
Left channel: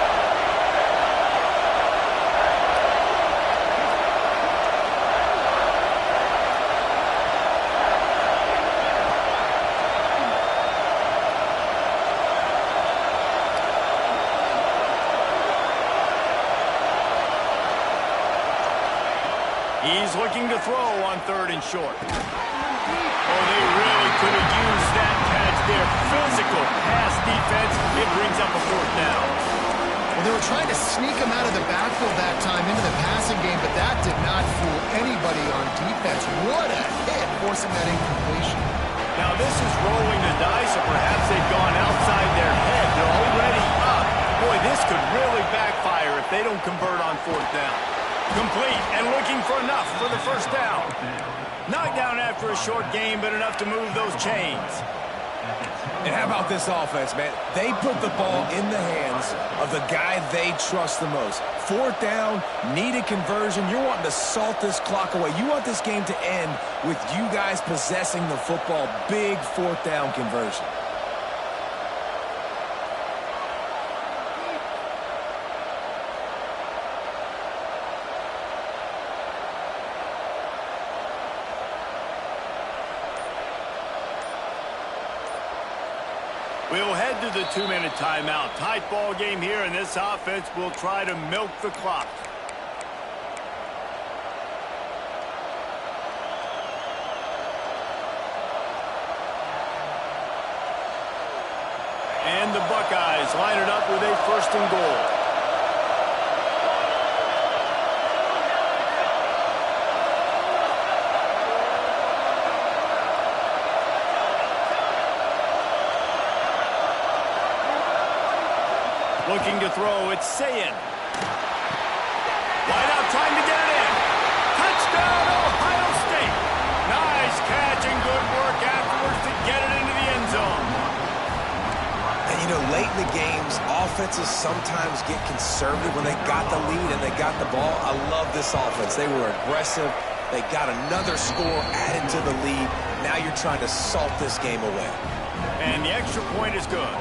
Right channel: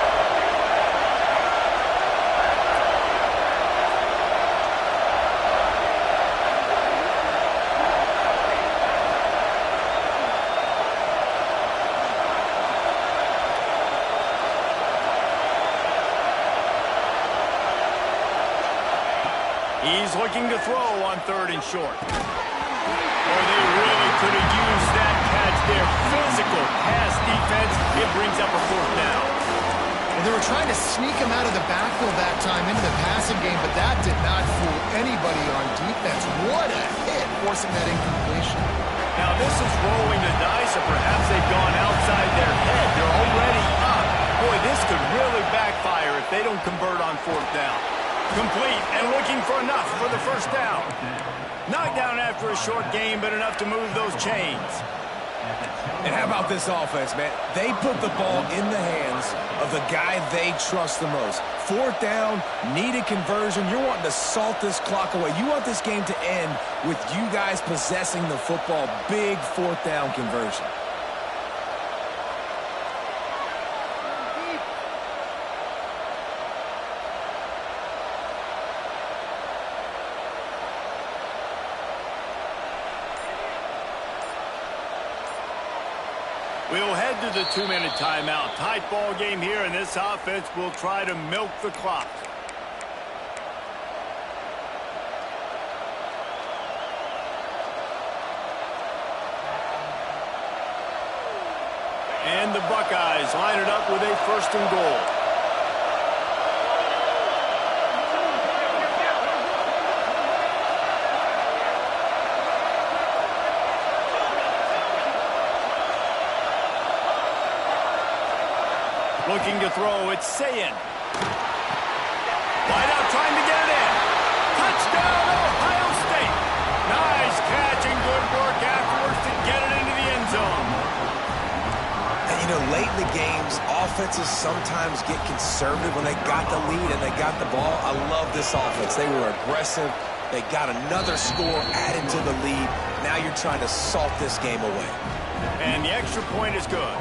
He's looking to throw on third and short. Oh, they really could have used that catch there. Physical pass defense. It brings up a fourth down. Well, they were trying to sneak him out of the backfield that time into the passing game, but that did not fool anybody on defense. What a hit, forcing that incompletion. Now, this is rolling the dice, or perhaps they've gone outside their head. They're already up. Boy, this could really backfire if they don't convert on fourth down. Complete and looking for enough for the first down. Knocked down after a short game, but enough to move those chains. And how about this offense, man? They put the ball in the hands of the guy they trust the most. Fourth down, needed conversion. You're wanting to salt this clock away. You want this game to end with you guys possessing the football. Big fourth down conversion. We'll head to the 2-minute timeout. Tight ball game here, and this offense will try to milk the clock. And the Buckeyes line it up with a first and goal. Looking to throw, it's Sayin. Wide out, trying to get it in. Touchdown, Ohio State. Nice catch and good work afterwards to get it into the end zone. And, you know, late in the games, offenses sometimes get conservative when they got the lead and they got the ball. I love this offense. They were aggressive. They got another score added to the lead. Now you're trying to salt this game away. And the extra point is good.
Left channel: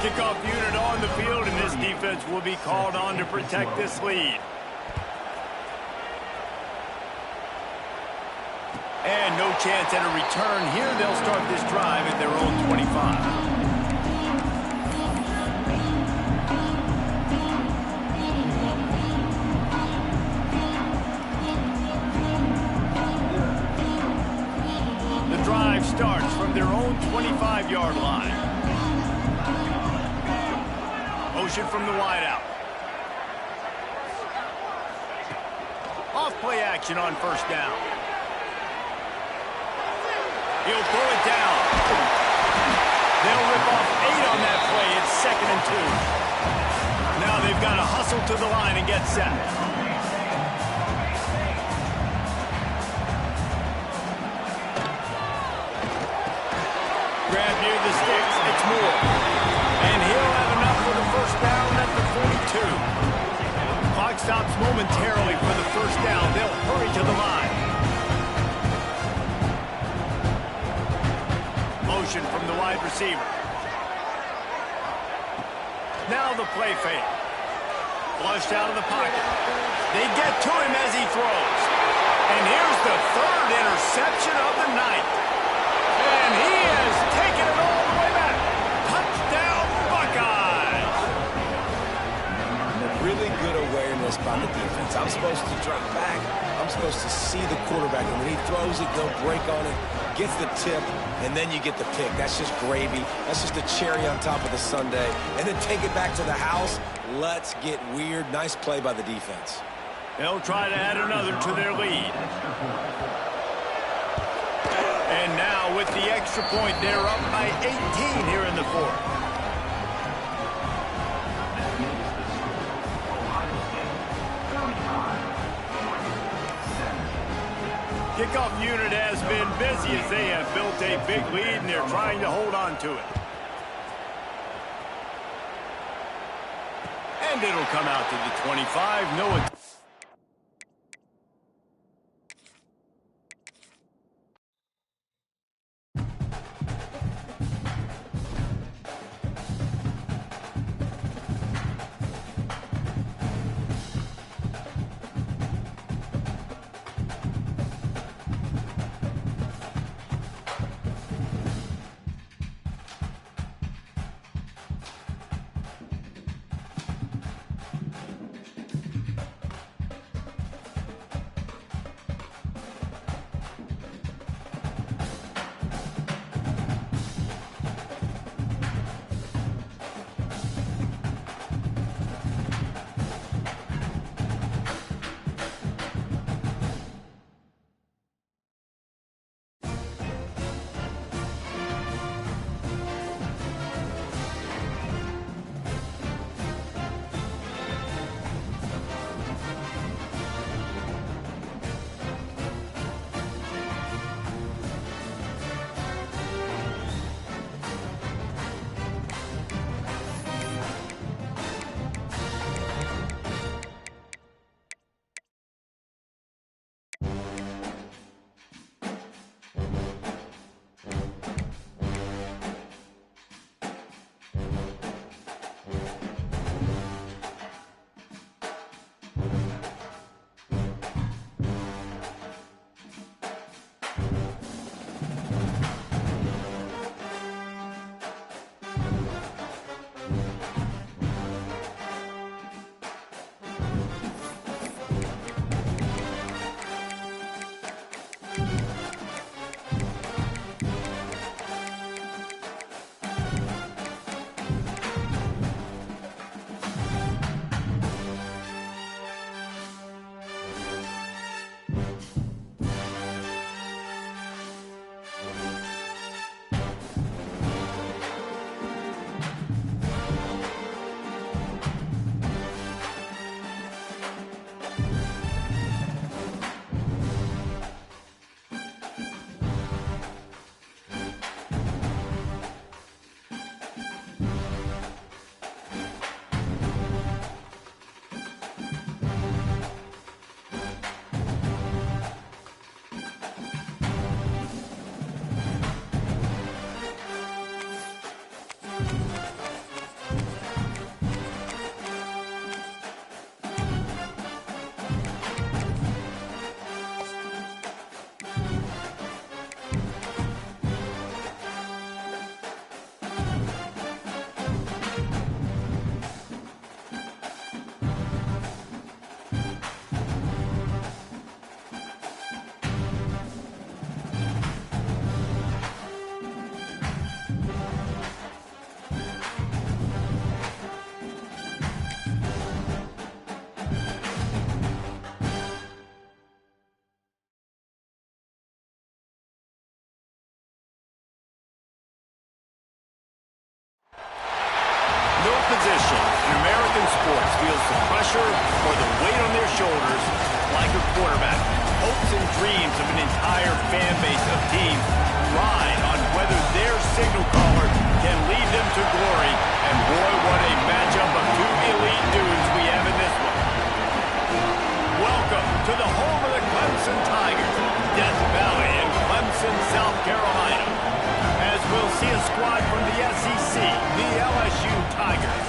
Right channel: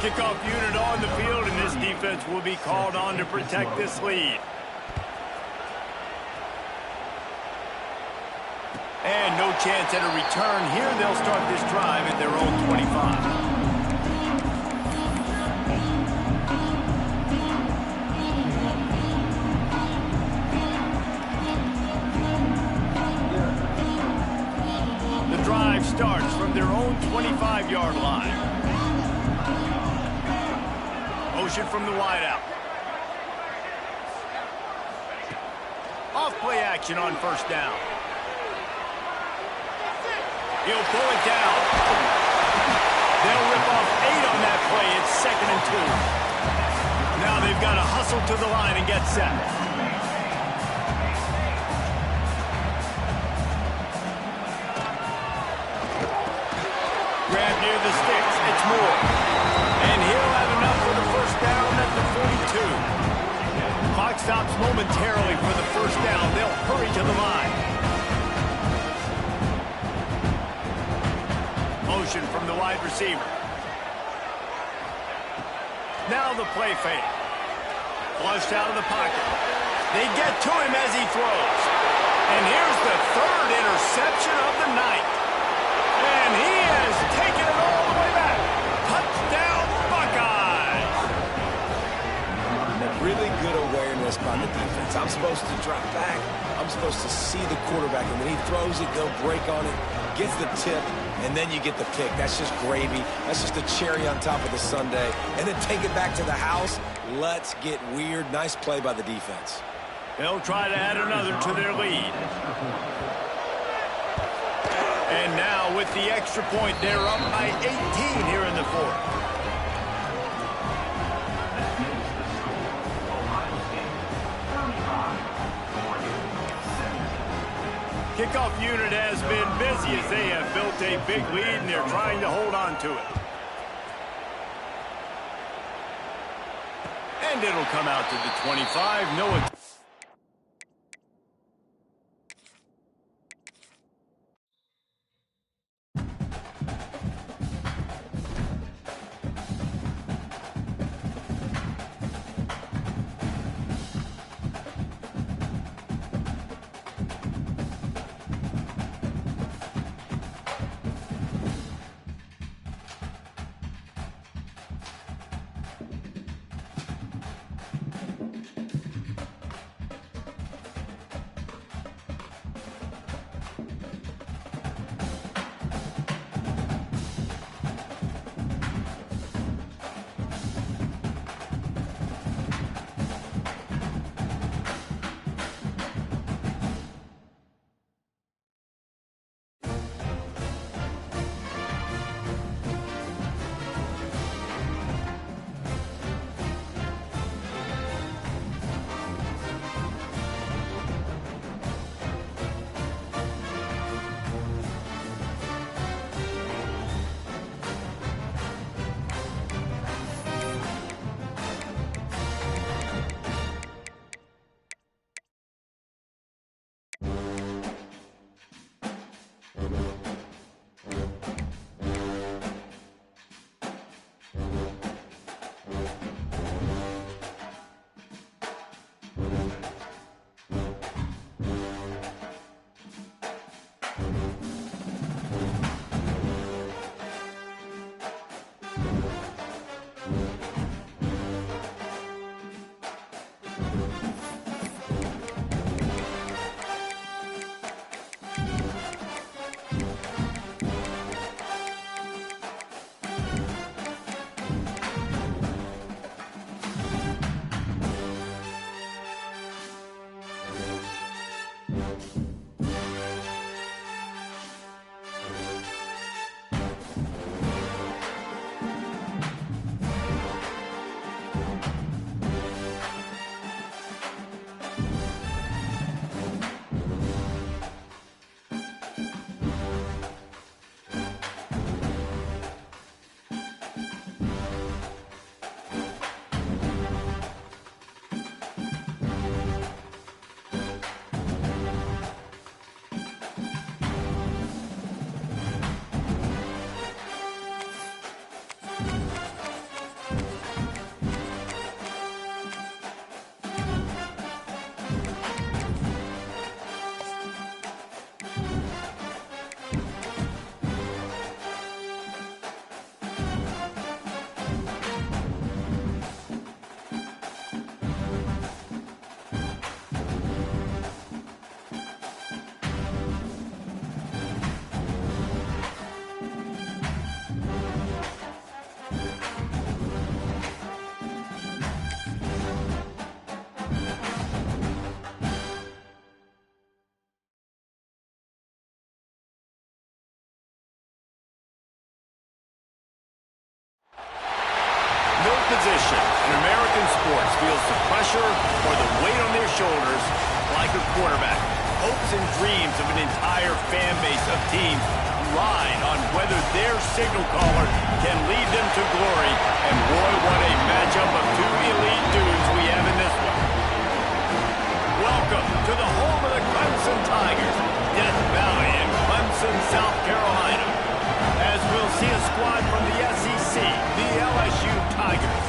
Kickoff unit on the field, and this defense will be called on to protect this lead. And no chance at a return here. They'll start this drive at their own 25. The drive starts from their own 25-yard line. Motion from the wideout. Off play action on first down. He'll pull it down. They'll rip off 8 on that play. It's 2nd and 2. Now they've got to hustle to the line and get set. Grab near the sticks. It's Moore. And he'll have enough for the first down at the 42. Clock stops momentarily for the first down. They'll hurry to the line. Motion from the wide receiver. Now the play fake. Flushed out of the pocket. They get to him as he throws. And here's the 3rd interception of the night. And he has taken it all the way back. Touchdown, Buckeyes! Really good awareness by by the defense. I'm supposed to drop back. I'm supposed to see the quarterback, and when he throws it, go break on it, gets the tip, and then you get the pick. That's just gravy. That's just a cherry on top of the sundae. And then take it back to the house. Let's get weird. Nice play by the defense. They'll try to add another to their lead. And now with the extra point, they're up by 18 here in the fourth. Kickoff unit has been busy as they have built a big lead and they're trying to hold on to it. And it'll come out to the 25. No. No position in American sports feels the pressure or the weight on their shoulders like a quarterback. Hopes and dreams of an entire fan base of teams ride on whether their signal caller can lead them to glory. And boy, what a matchup of two elite dudes we have in this one. Welcome to the home of the Clemson Tigers, Death Valley in Clemson, South Carolina. As we'll see a squad from the SEC, the LSU Tigers,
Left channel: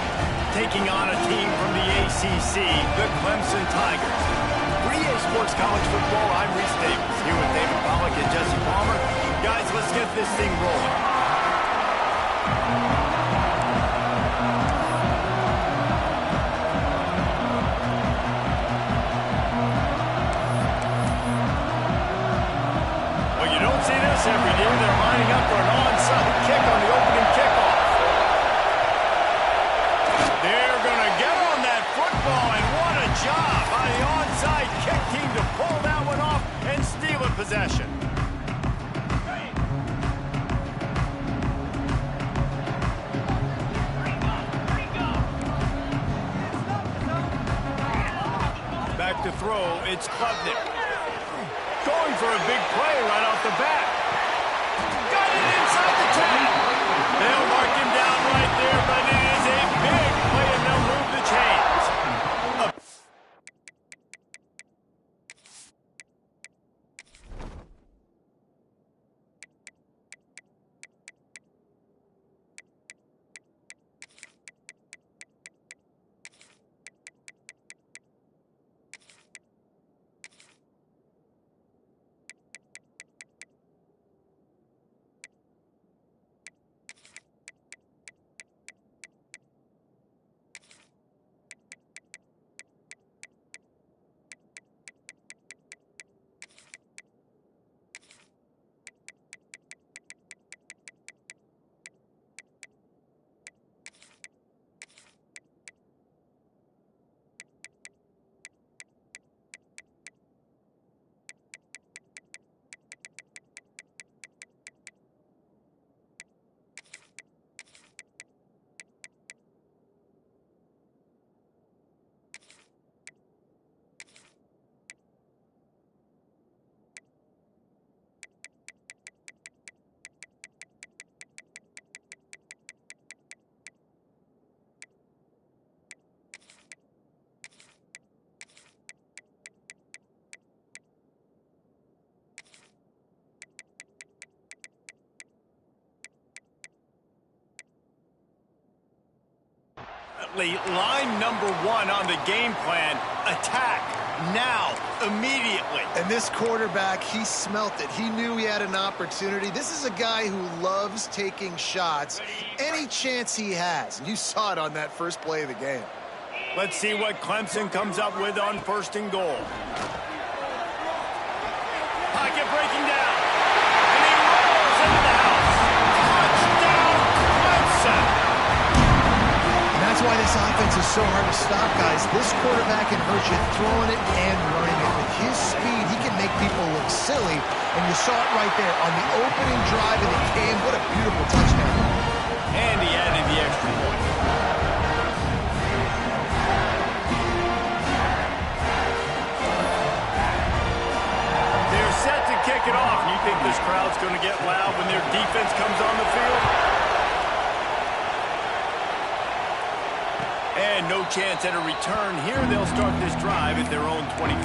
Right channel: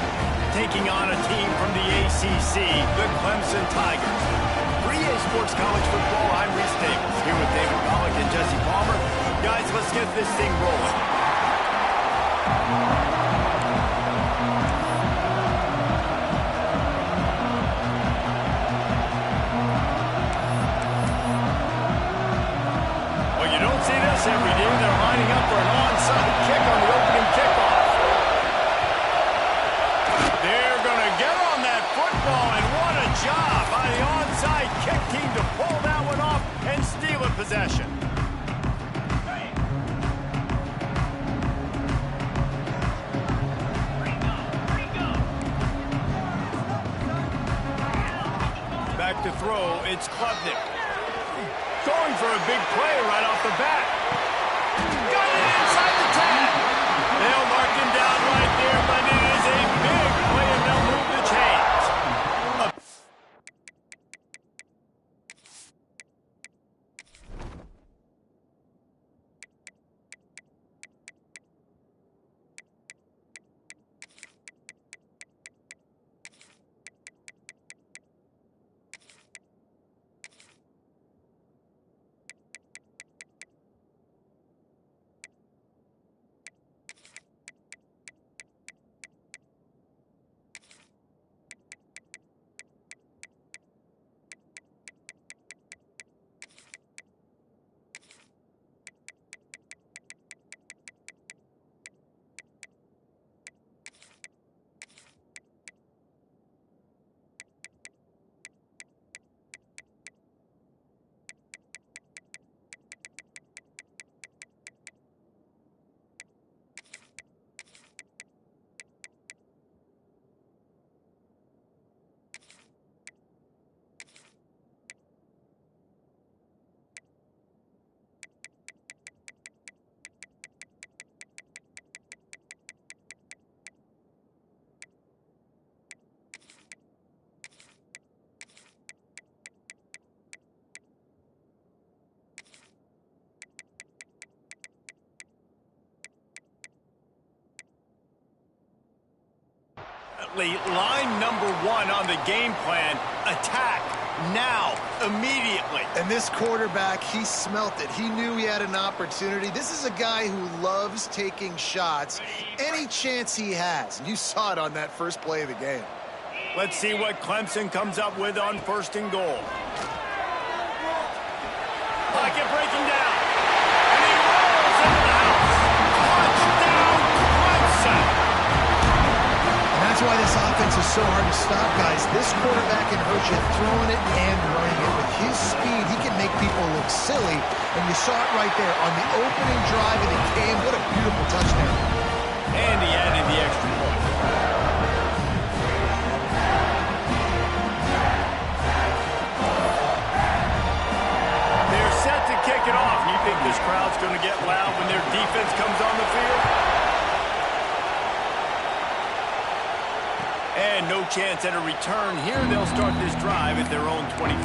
taking on a team from the ACC, the Clemson Tigers. For EA Sports College Football, I'm Reese Davis, here with David Pollack and Jesse Palmer. Guys, let's get this thing rolling. to throw. It's Klubnik. Going for a big play right off the bat. Got it inside the 10. They'll mark him down right there, but it is a big play, and they'll move the chains. Line number 1 on the game plan, attack now, immediately. And this quarterback, he smelt it. He knew he had an opportunity. This is a guy who loves taking shots any chance he has. And you saw it on that first play of the game. Let's see what Clemson comes up with on 1st and goal. Pocket breaking down. And he rolls into the house. Touchdown, Clemson. That's why this offense is so hard to stop, guys. This quarterback can hurt you throwing it and running it. With his speed, he can make people look silly. And you saw it right there on the opening drive of the game. What a beautiful touchdown. And he added the extra point. They're set to kick it off. You think this crowd's going to get loud when their defense comes on the field? And no chance at a return here. They'll start this drive at their own 25.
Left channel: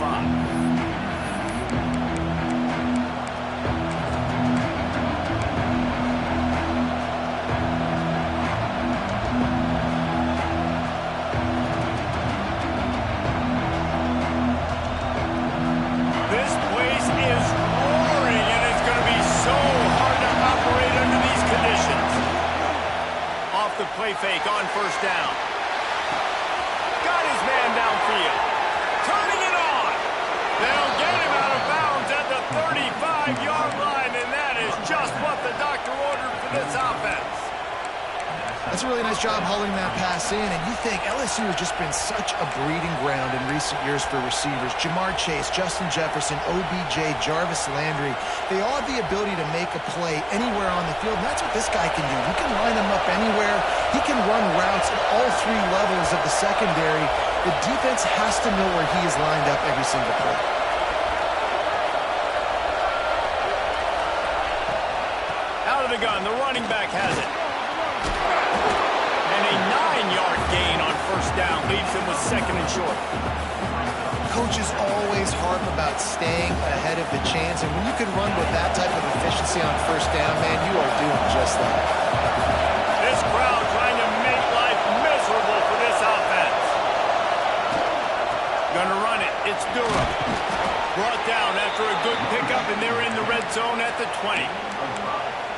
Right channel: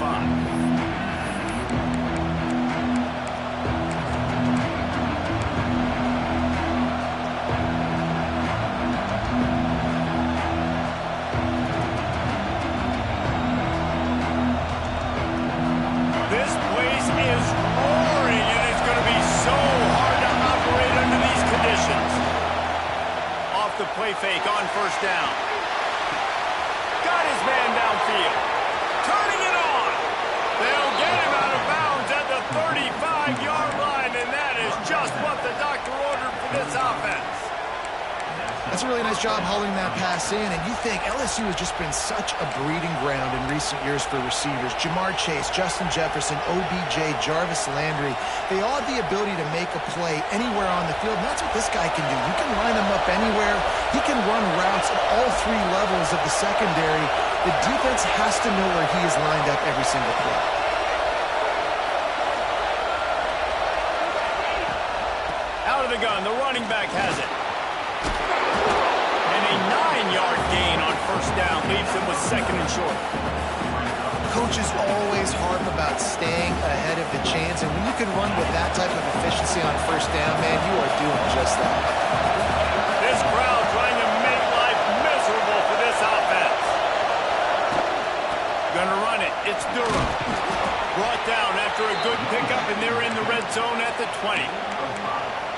This place is roaring, and it's going to be so hard to operate under these conditions. Off the play fake on 1st down. Got his man downfield. Turning it on. They'll get him out of bounds at the 35-yard line, and that is just what the doctor ordered for this offense. That's a really nice job hauling that pass in, and you think LSU has just been such a breeding ground in recent years for receivers. Jamar Chase, Justin Jefferson, OBJ, Jarvis Landry, they all have the ability to make a play anywhere on the field, and that's what this guy can do. You can line him up anywhere. He can run routes at all 3 levels of the secondary. The defense has to know where he is lined up every single play. Out of the gun, the running back has it. And a 9-yard gain on 1st down leaves him with 2nd and short. Coaches always harp about staying ahead of the chains, and when you can run with that type of efficiency on 1st down, man, you are doing just that. This crowd trying to make life miserable for this offense. Gonna run it. It's Durham. Brought down after a good pickup, and they're in the red zone at the 20.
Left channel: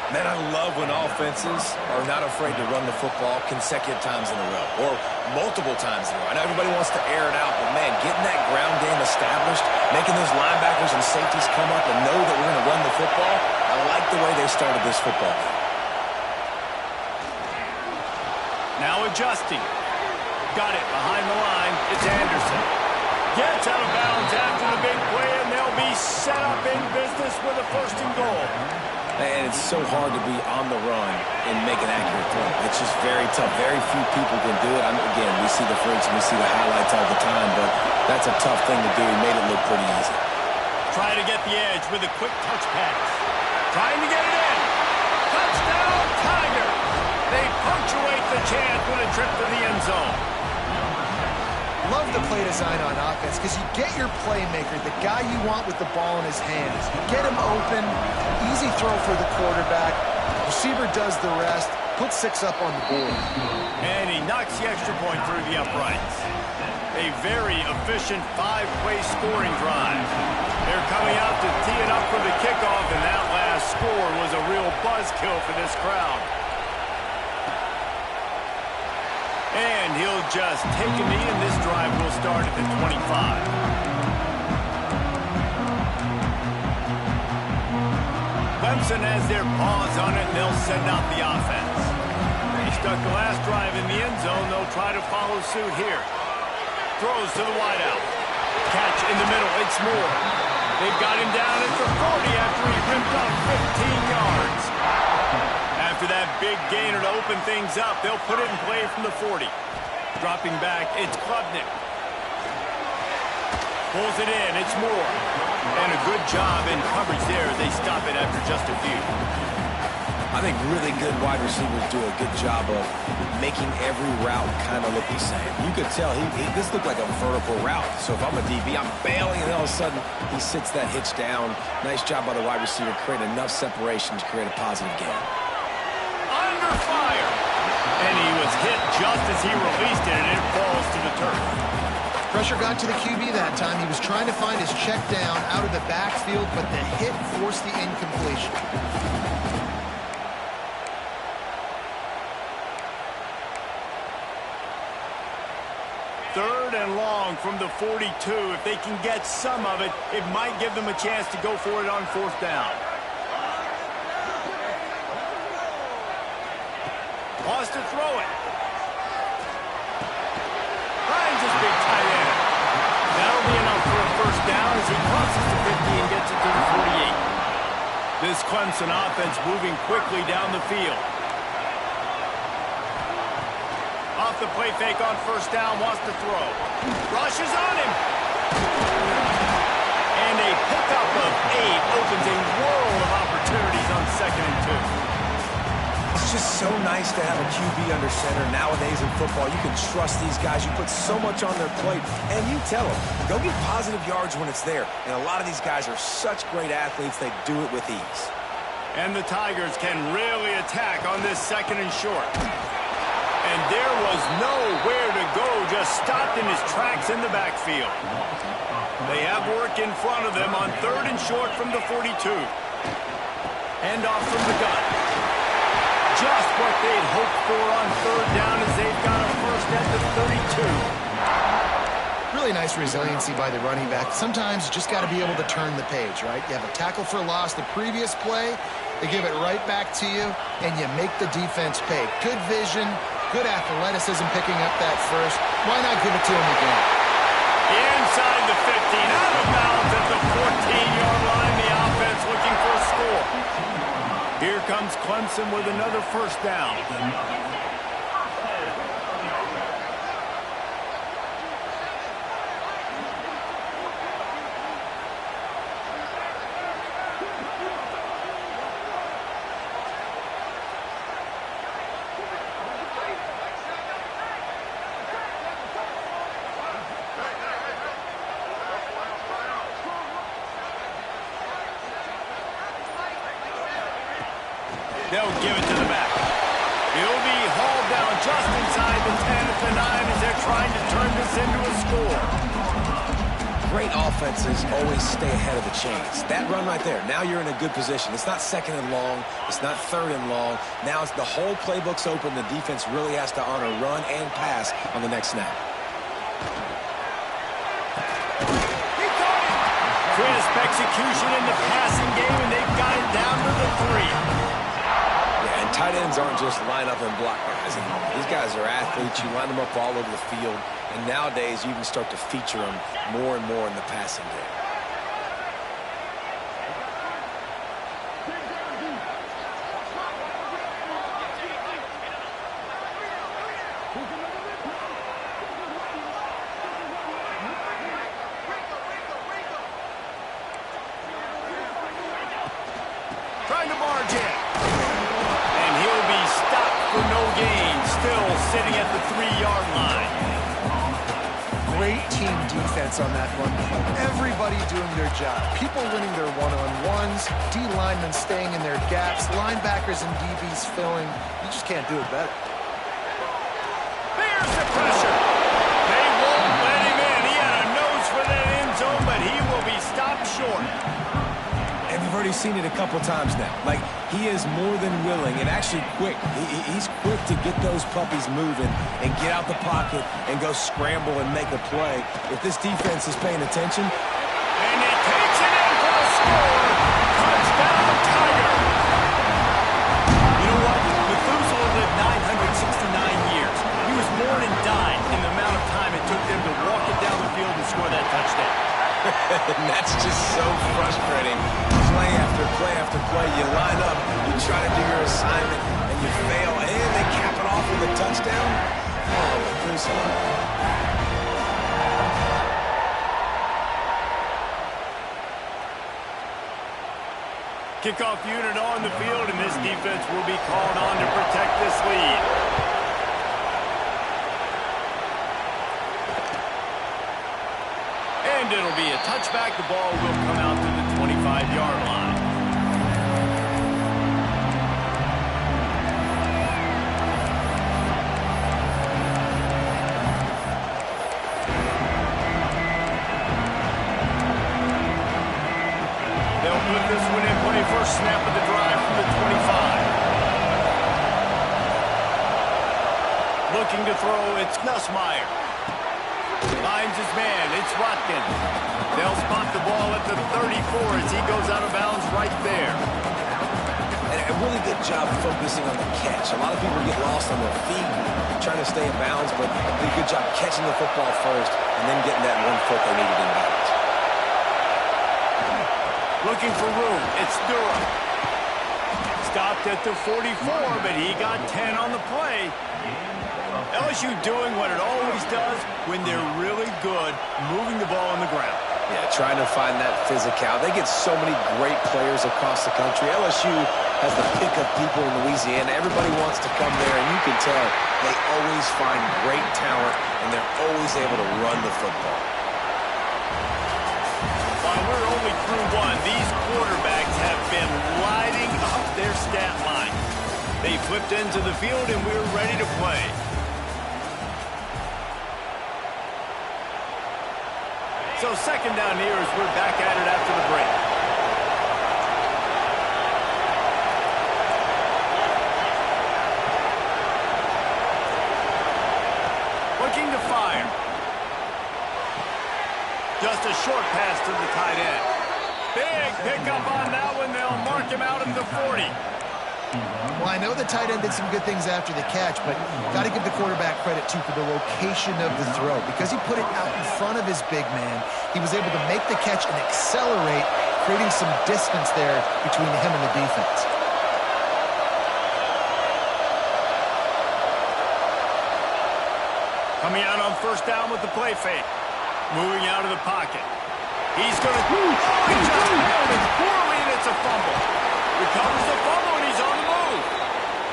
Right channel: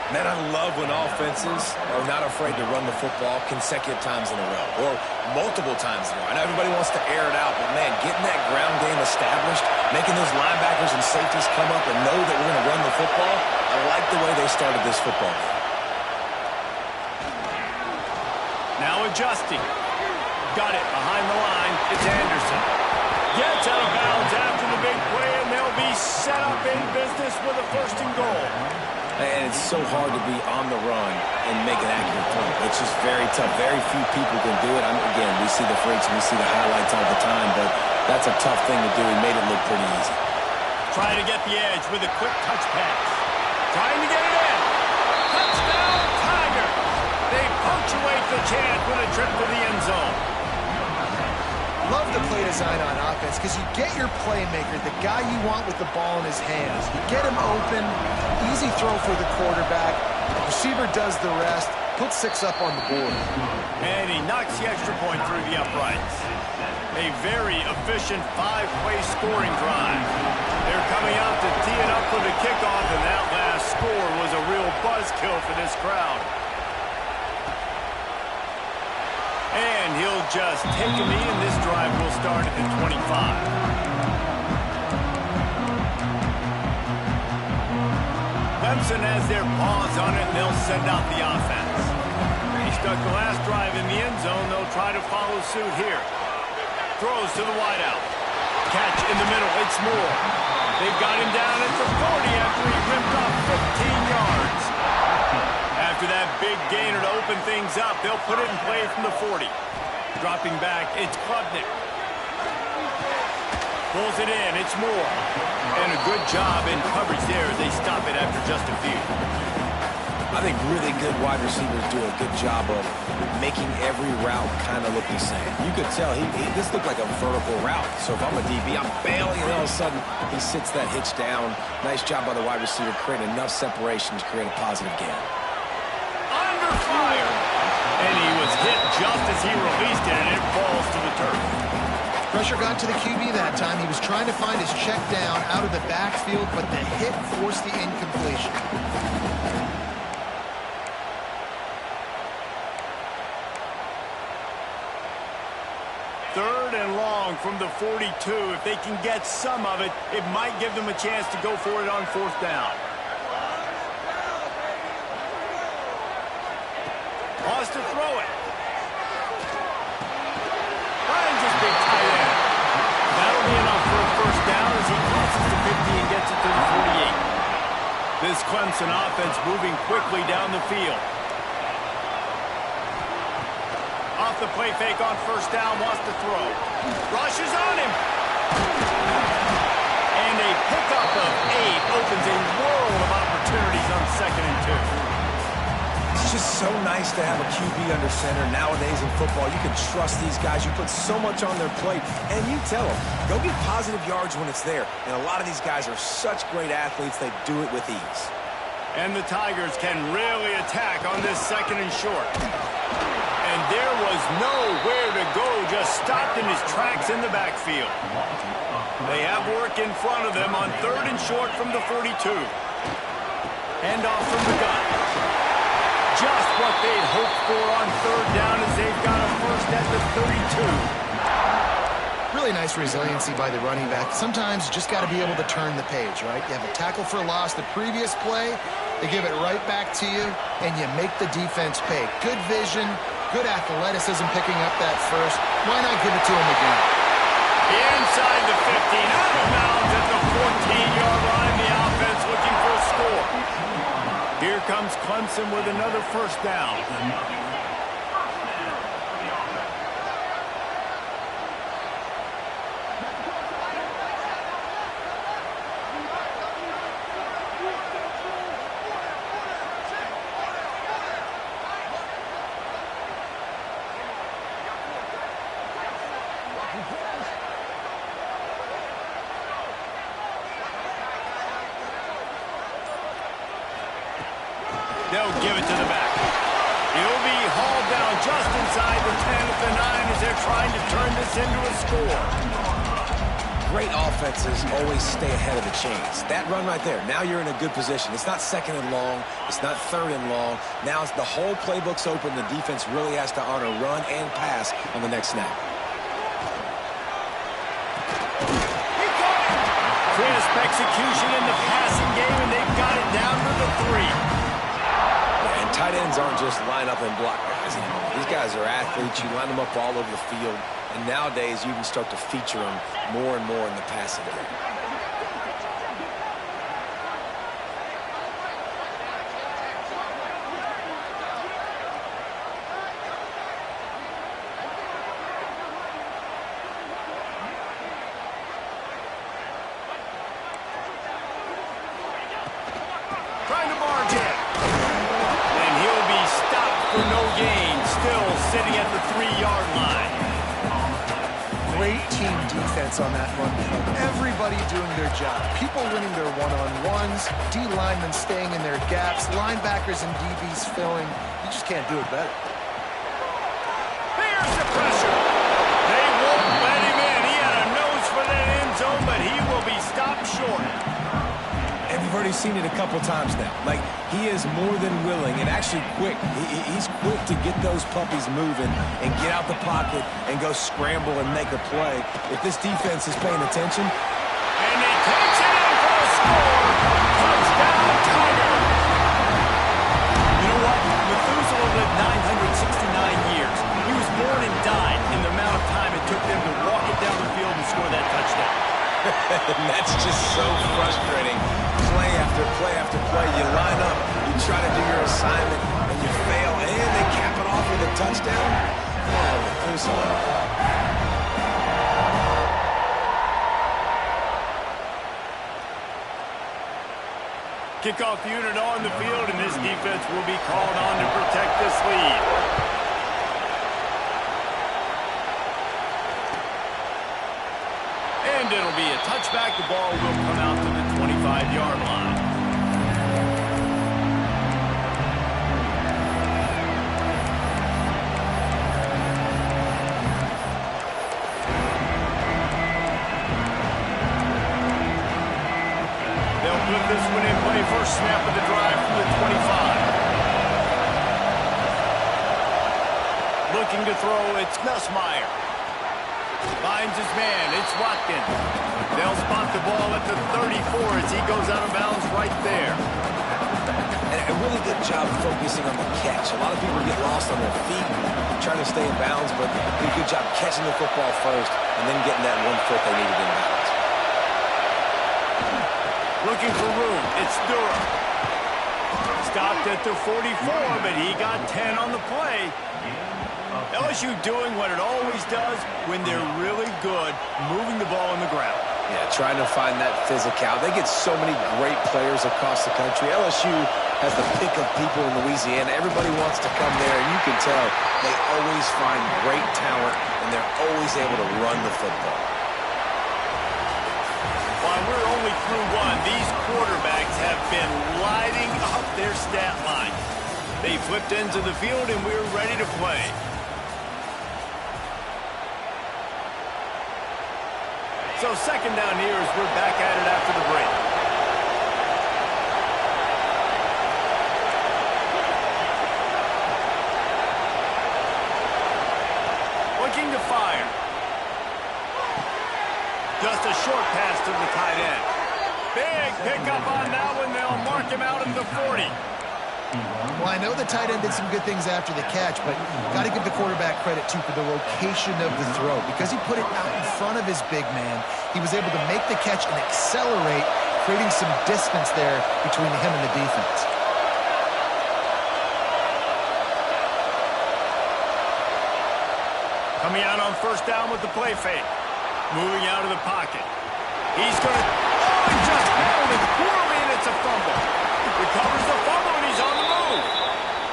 Man, I love when offenses are not afraid to run the football consecutive times in a row or multiple times in a row. I know everybody wants to air it out, but, man, getting that ground game established, making those linebackers and safeties come up and know that we're going to run the football, I like the way they started this football game. Now adjusting. Got it behind the line. It's Anderson. Gets out of bounds after the big play, and they'll be set up in business with a 1st and goal. And it's so hard to be on the run and make an accurate throw. It's just very tough. Very few people can do it. Again, we see the freaks and we see the highlights all the time, but That's a tough thing to do. He made it look pretty easy. Trying to get the edge with a quick touch pass. Trying to get it in. Touchdown, Tigers! They punctuate the chance with a trip to the end zone. Love the play design on offense because you get your playmaker, the guy you want with the ball in his hands. You get him open, easy throw for the quarterback. Receiver does the rest, puts 6 up on the board. And he knocks the extra point through the uprights. A very efficient 5-play scoring drive. They're coming out to tee it up for the kickoff, and that last score was a real buzzkill for this crowd. And he'll just take a knee, and this drive will start at the 25. Clemson has their paws on it, and they'll send out the offense. He stuck the last drive in the end zone. They'll try to follow suit here. Throws to the wideout. Catch in the middle. It's Moore. They've got him down at the 40 after he ripped off 15 yards. After that big gainer to open things up, they'll put it in play from the 40. Dropping back, it's Klubnik. Pulls it in, it's Moore. And a good job in coverage there as they stop it after just a few. I think really good wide receivers do a good job of making every route kind of look the same. You could tell this looked like a vertical route. So if I'm a DB, I'm bailing, and all of a sudden he sits that hitch down. Nice job by the wide receiver, creating enough separation to create a positive gain. Under fire. And he was hit just as he released it, and it falls to the turf. Pressure got to the QB that time. He was trying to find his check down out of the backfield, but the hit forced the incompletion. Third and long from the 42. If they can get some of it, it might give them a chance to go for it on 4th down. Wants to throw it. Finds his big tight end. That'll be enough for a 1st down as he crosses the 50 and gets it to the 48. This Clemson offense moving quickly down the field. Off the play fake on 1st down, wants to throw. Rushes on him. And a pickup of 8 opens a world of opportunities on 2nd and 2. It's just so nice to have a QB under center. Nowadays in football, you can trust these guys. You put so much on their plate, and you tell them, go get positive yards when it's there. And a lot of these guys are such great athletes, they do it with ease. And the Tigers can really attack on this 2nd and short. And there was nowhere to go, just stopped in his tracks in the backfield. They have work in front of them on 3rd and short from the 42. Hand off from the gun. Just what they'd hoped for on 3rd down as they've got a 1st at the 32. Really nice resiliency by the running back. Sometimes you just got to be able to turn the page, right? You have a tackle for loss the previous play, they give it right back to you, and you make the defense pay. Good vision, good athleticism picking up that 1st. Why not give it to him again? Inside the 15, out of bounds at the 14-yard line. The offense looking for a score. Here comes Clemson with another 1st down. They'll give it to the back. He'll be hauled down just inside the 10 at the 9 as they're trying to turn this into a score. Great offenses always stay ahead of the chains. That run right there, now you're in a good position. It's not 2nd and long. It's not 3rd and long. Now it's the whole playbook's open. The defense really has to honor run and pass on the next snap. Crisp execution in the passing game, and they've got it down to the 3. Yeah, and tight ends aren't just line up and block guys anymore. These guys are athletes. You line them up all over the field, and nowadays you can start to feature them more and more in the passing game. sitting at the 3-yard line. Great team defense on that run play. Everybody doing their job. People winning their one-on-ones, D linemen staying in their gaps, linebackers and DBs filling. You just can't do it better. There's the pressure. They won't let him in. He had a nose for that end zone, but he will be stopped short. And we've already seen it a couple times now. Like, he is more than willing and actually quick. He's quick to get those puppies moving and get out the pocket and go scramble and make a play. If this defense is paying attention. And he takes it in for the score. Touchdown, Tiger. You know what? Methuselah lived 969 years. He was born and died in the amount of time it took them to walk it down the field and score that touchdown. And that's just so frustrating. Play after play after play. You line up, you try to do your assignment, and you fail, and they cap it off with a touchdown. Oh, Methuselah. Kickoff unit on the field, and this defense will be called on to protect this lead. And it'll be a touchback. The ball will come out to the 25-yard line. They'll put this one in play. First snap of the drive from the 25. Looking to throw, it's Nussmeier. Finds his man. It's Watkins. They'll spot the ball at the 34 as he goes out of bounds right there. And a really good job focusing on the catch. A lot of people get lost on their feet trying to stay in bounds, but did a good job catching the football first and then getting that 1 foot they needed in bounds. Looking for room. It's Durham. Stopped at the 44, but he got 10 on the play. LSU doing what it always does when they're really good, moving the ball on the ground. Yeah, trying to find that physicality. They get so many great players across the country. LSU has the pick of people in Louisiana. Everybody wants to come there, and you can tell they always find great talent, and they're always able to run the football. While we're only through one, these quarterbacks have been lighting up their stat line. They flipped into the field, and we're ready to play. So second down here as we're back at it after the break. Looking to fire. Just a short pass to the tight end. Big pickup on that one. They'll mark him out at the 40. Well, I know the tight end did some good things after the catch, but got to give the quarterback credit, too, for the location of the throw. Because he put it out in front of his big man, he was able to make the catch and accelerate, creating some distance there between him and the defense. Coming out on first down with the play fake. Moving out of the pocket. He's going to... Oh, he just nailed it poorly, and it's a fumble. Recovers the fumble, and he's on the move.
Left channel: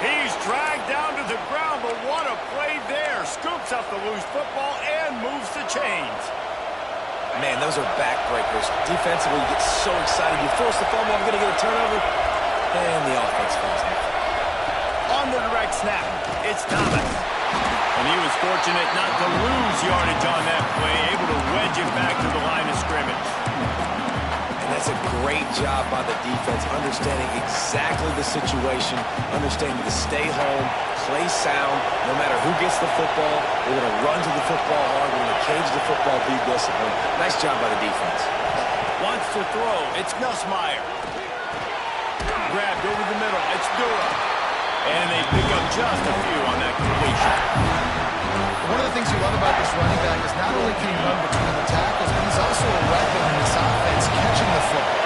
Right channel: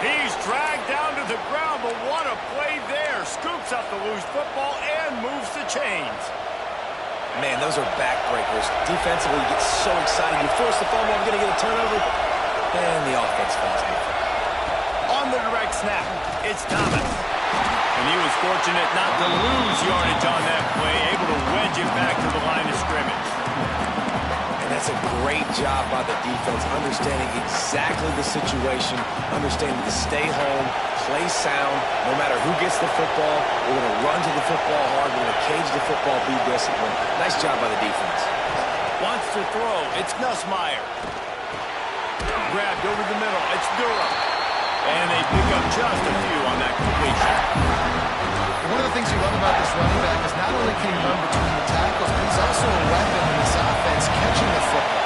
He's dragged down to the ground, but what a play there. Scoops up the loose football and moves the chains. Man, those are backbreakers. Defensively, you get so excited. You force the fumble, I'm going to get a turnover. And the offense falls in. On the direct snap, it's Thomas. And he was fortunate not to lose yardage on that play, able to wedge it back to the line of scrimmage. And that's a great job by the defense, understanding exactly the situation, understanding to stay home, play sound, no matter who gets the football. We're going to run to the football hard. We're going to cage the football, be disciplined. Nice job by the defense. Wants to throw. It's Nussmeier. Grabbed over the middle. It's Durham. And they pick up just a few on that completion. One of the things you love about this running back is not only can he run between the tackles, but he's also a weapon in this offense catching the football.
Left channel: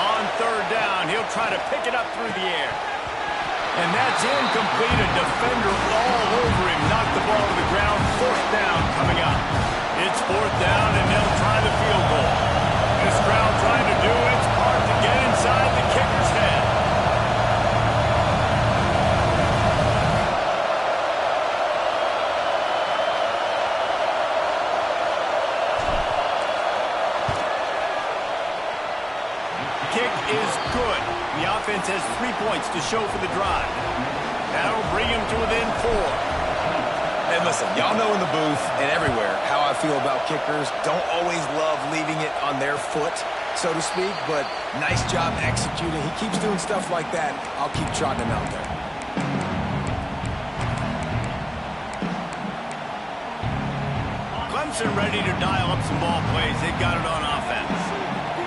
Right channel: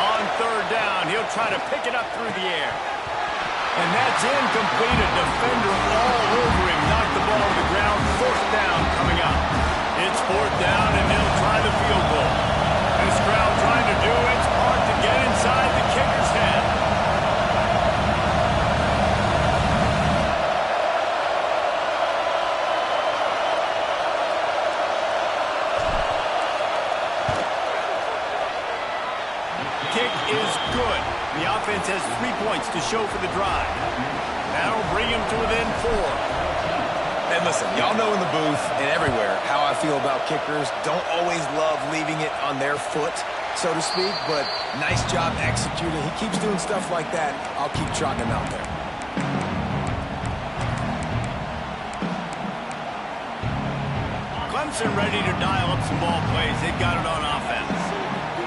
On third down, he'll try to pick it up through the air. And that's incomplete. A defender all over him. Knocked the ball to the ground. Fourth down coming up. It's fourth down, and they'll try the field goal. This crowd trying to do its part to get inside the kicker's head. Kick is good. The offense has 3 points to show for the drive. That'll bring him to within 4. And listen, y'all know in the booth and everywhere how I feel about kickers. Don't always love leaving it on their foot, so to speak, but nice job executing. He keeps doing stuff like that. I'll keep trotting him out there. Clemson ready to dial up some ball plays. They've got it on offense.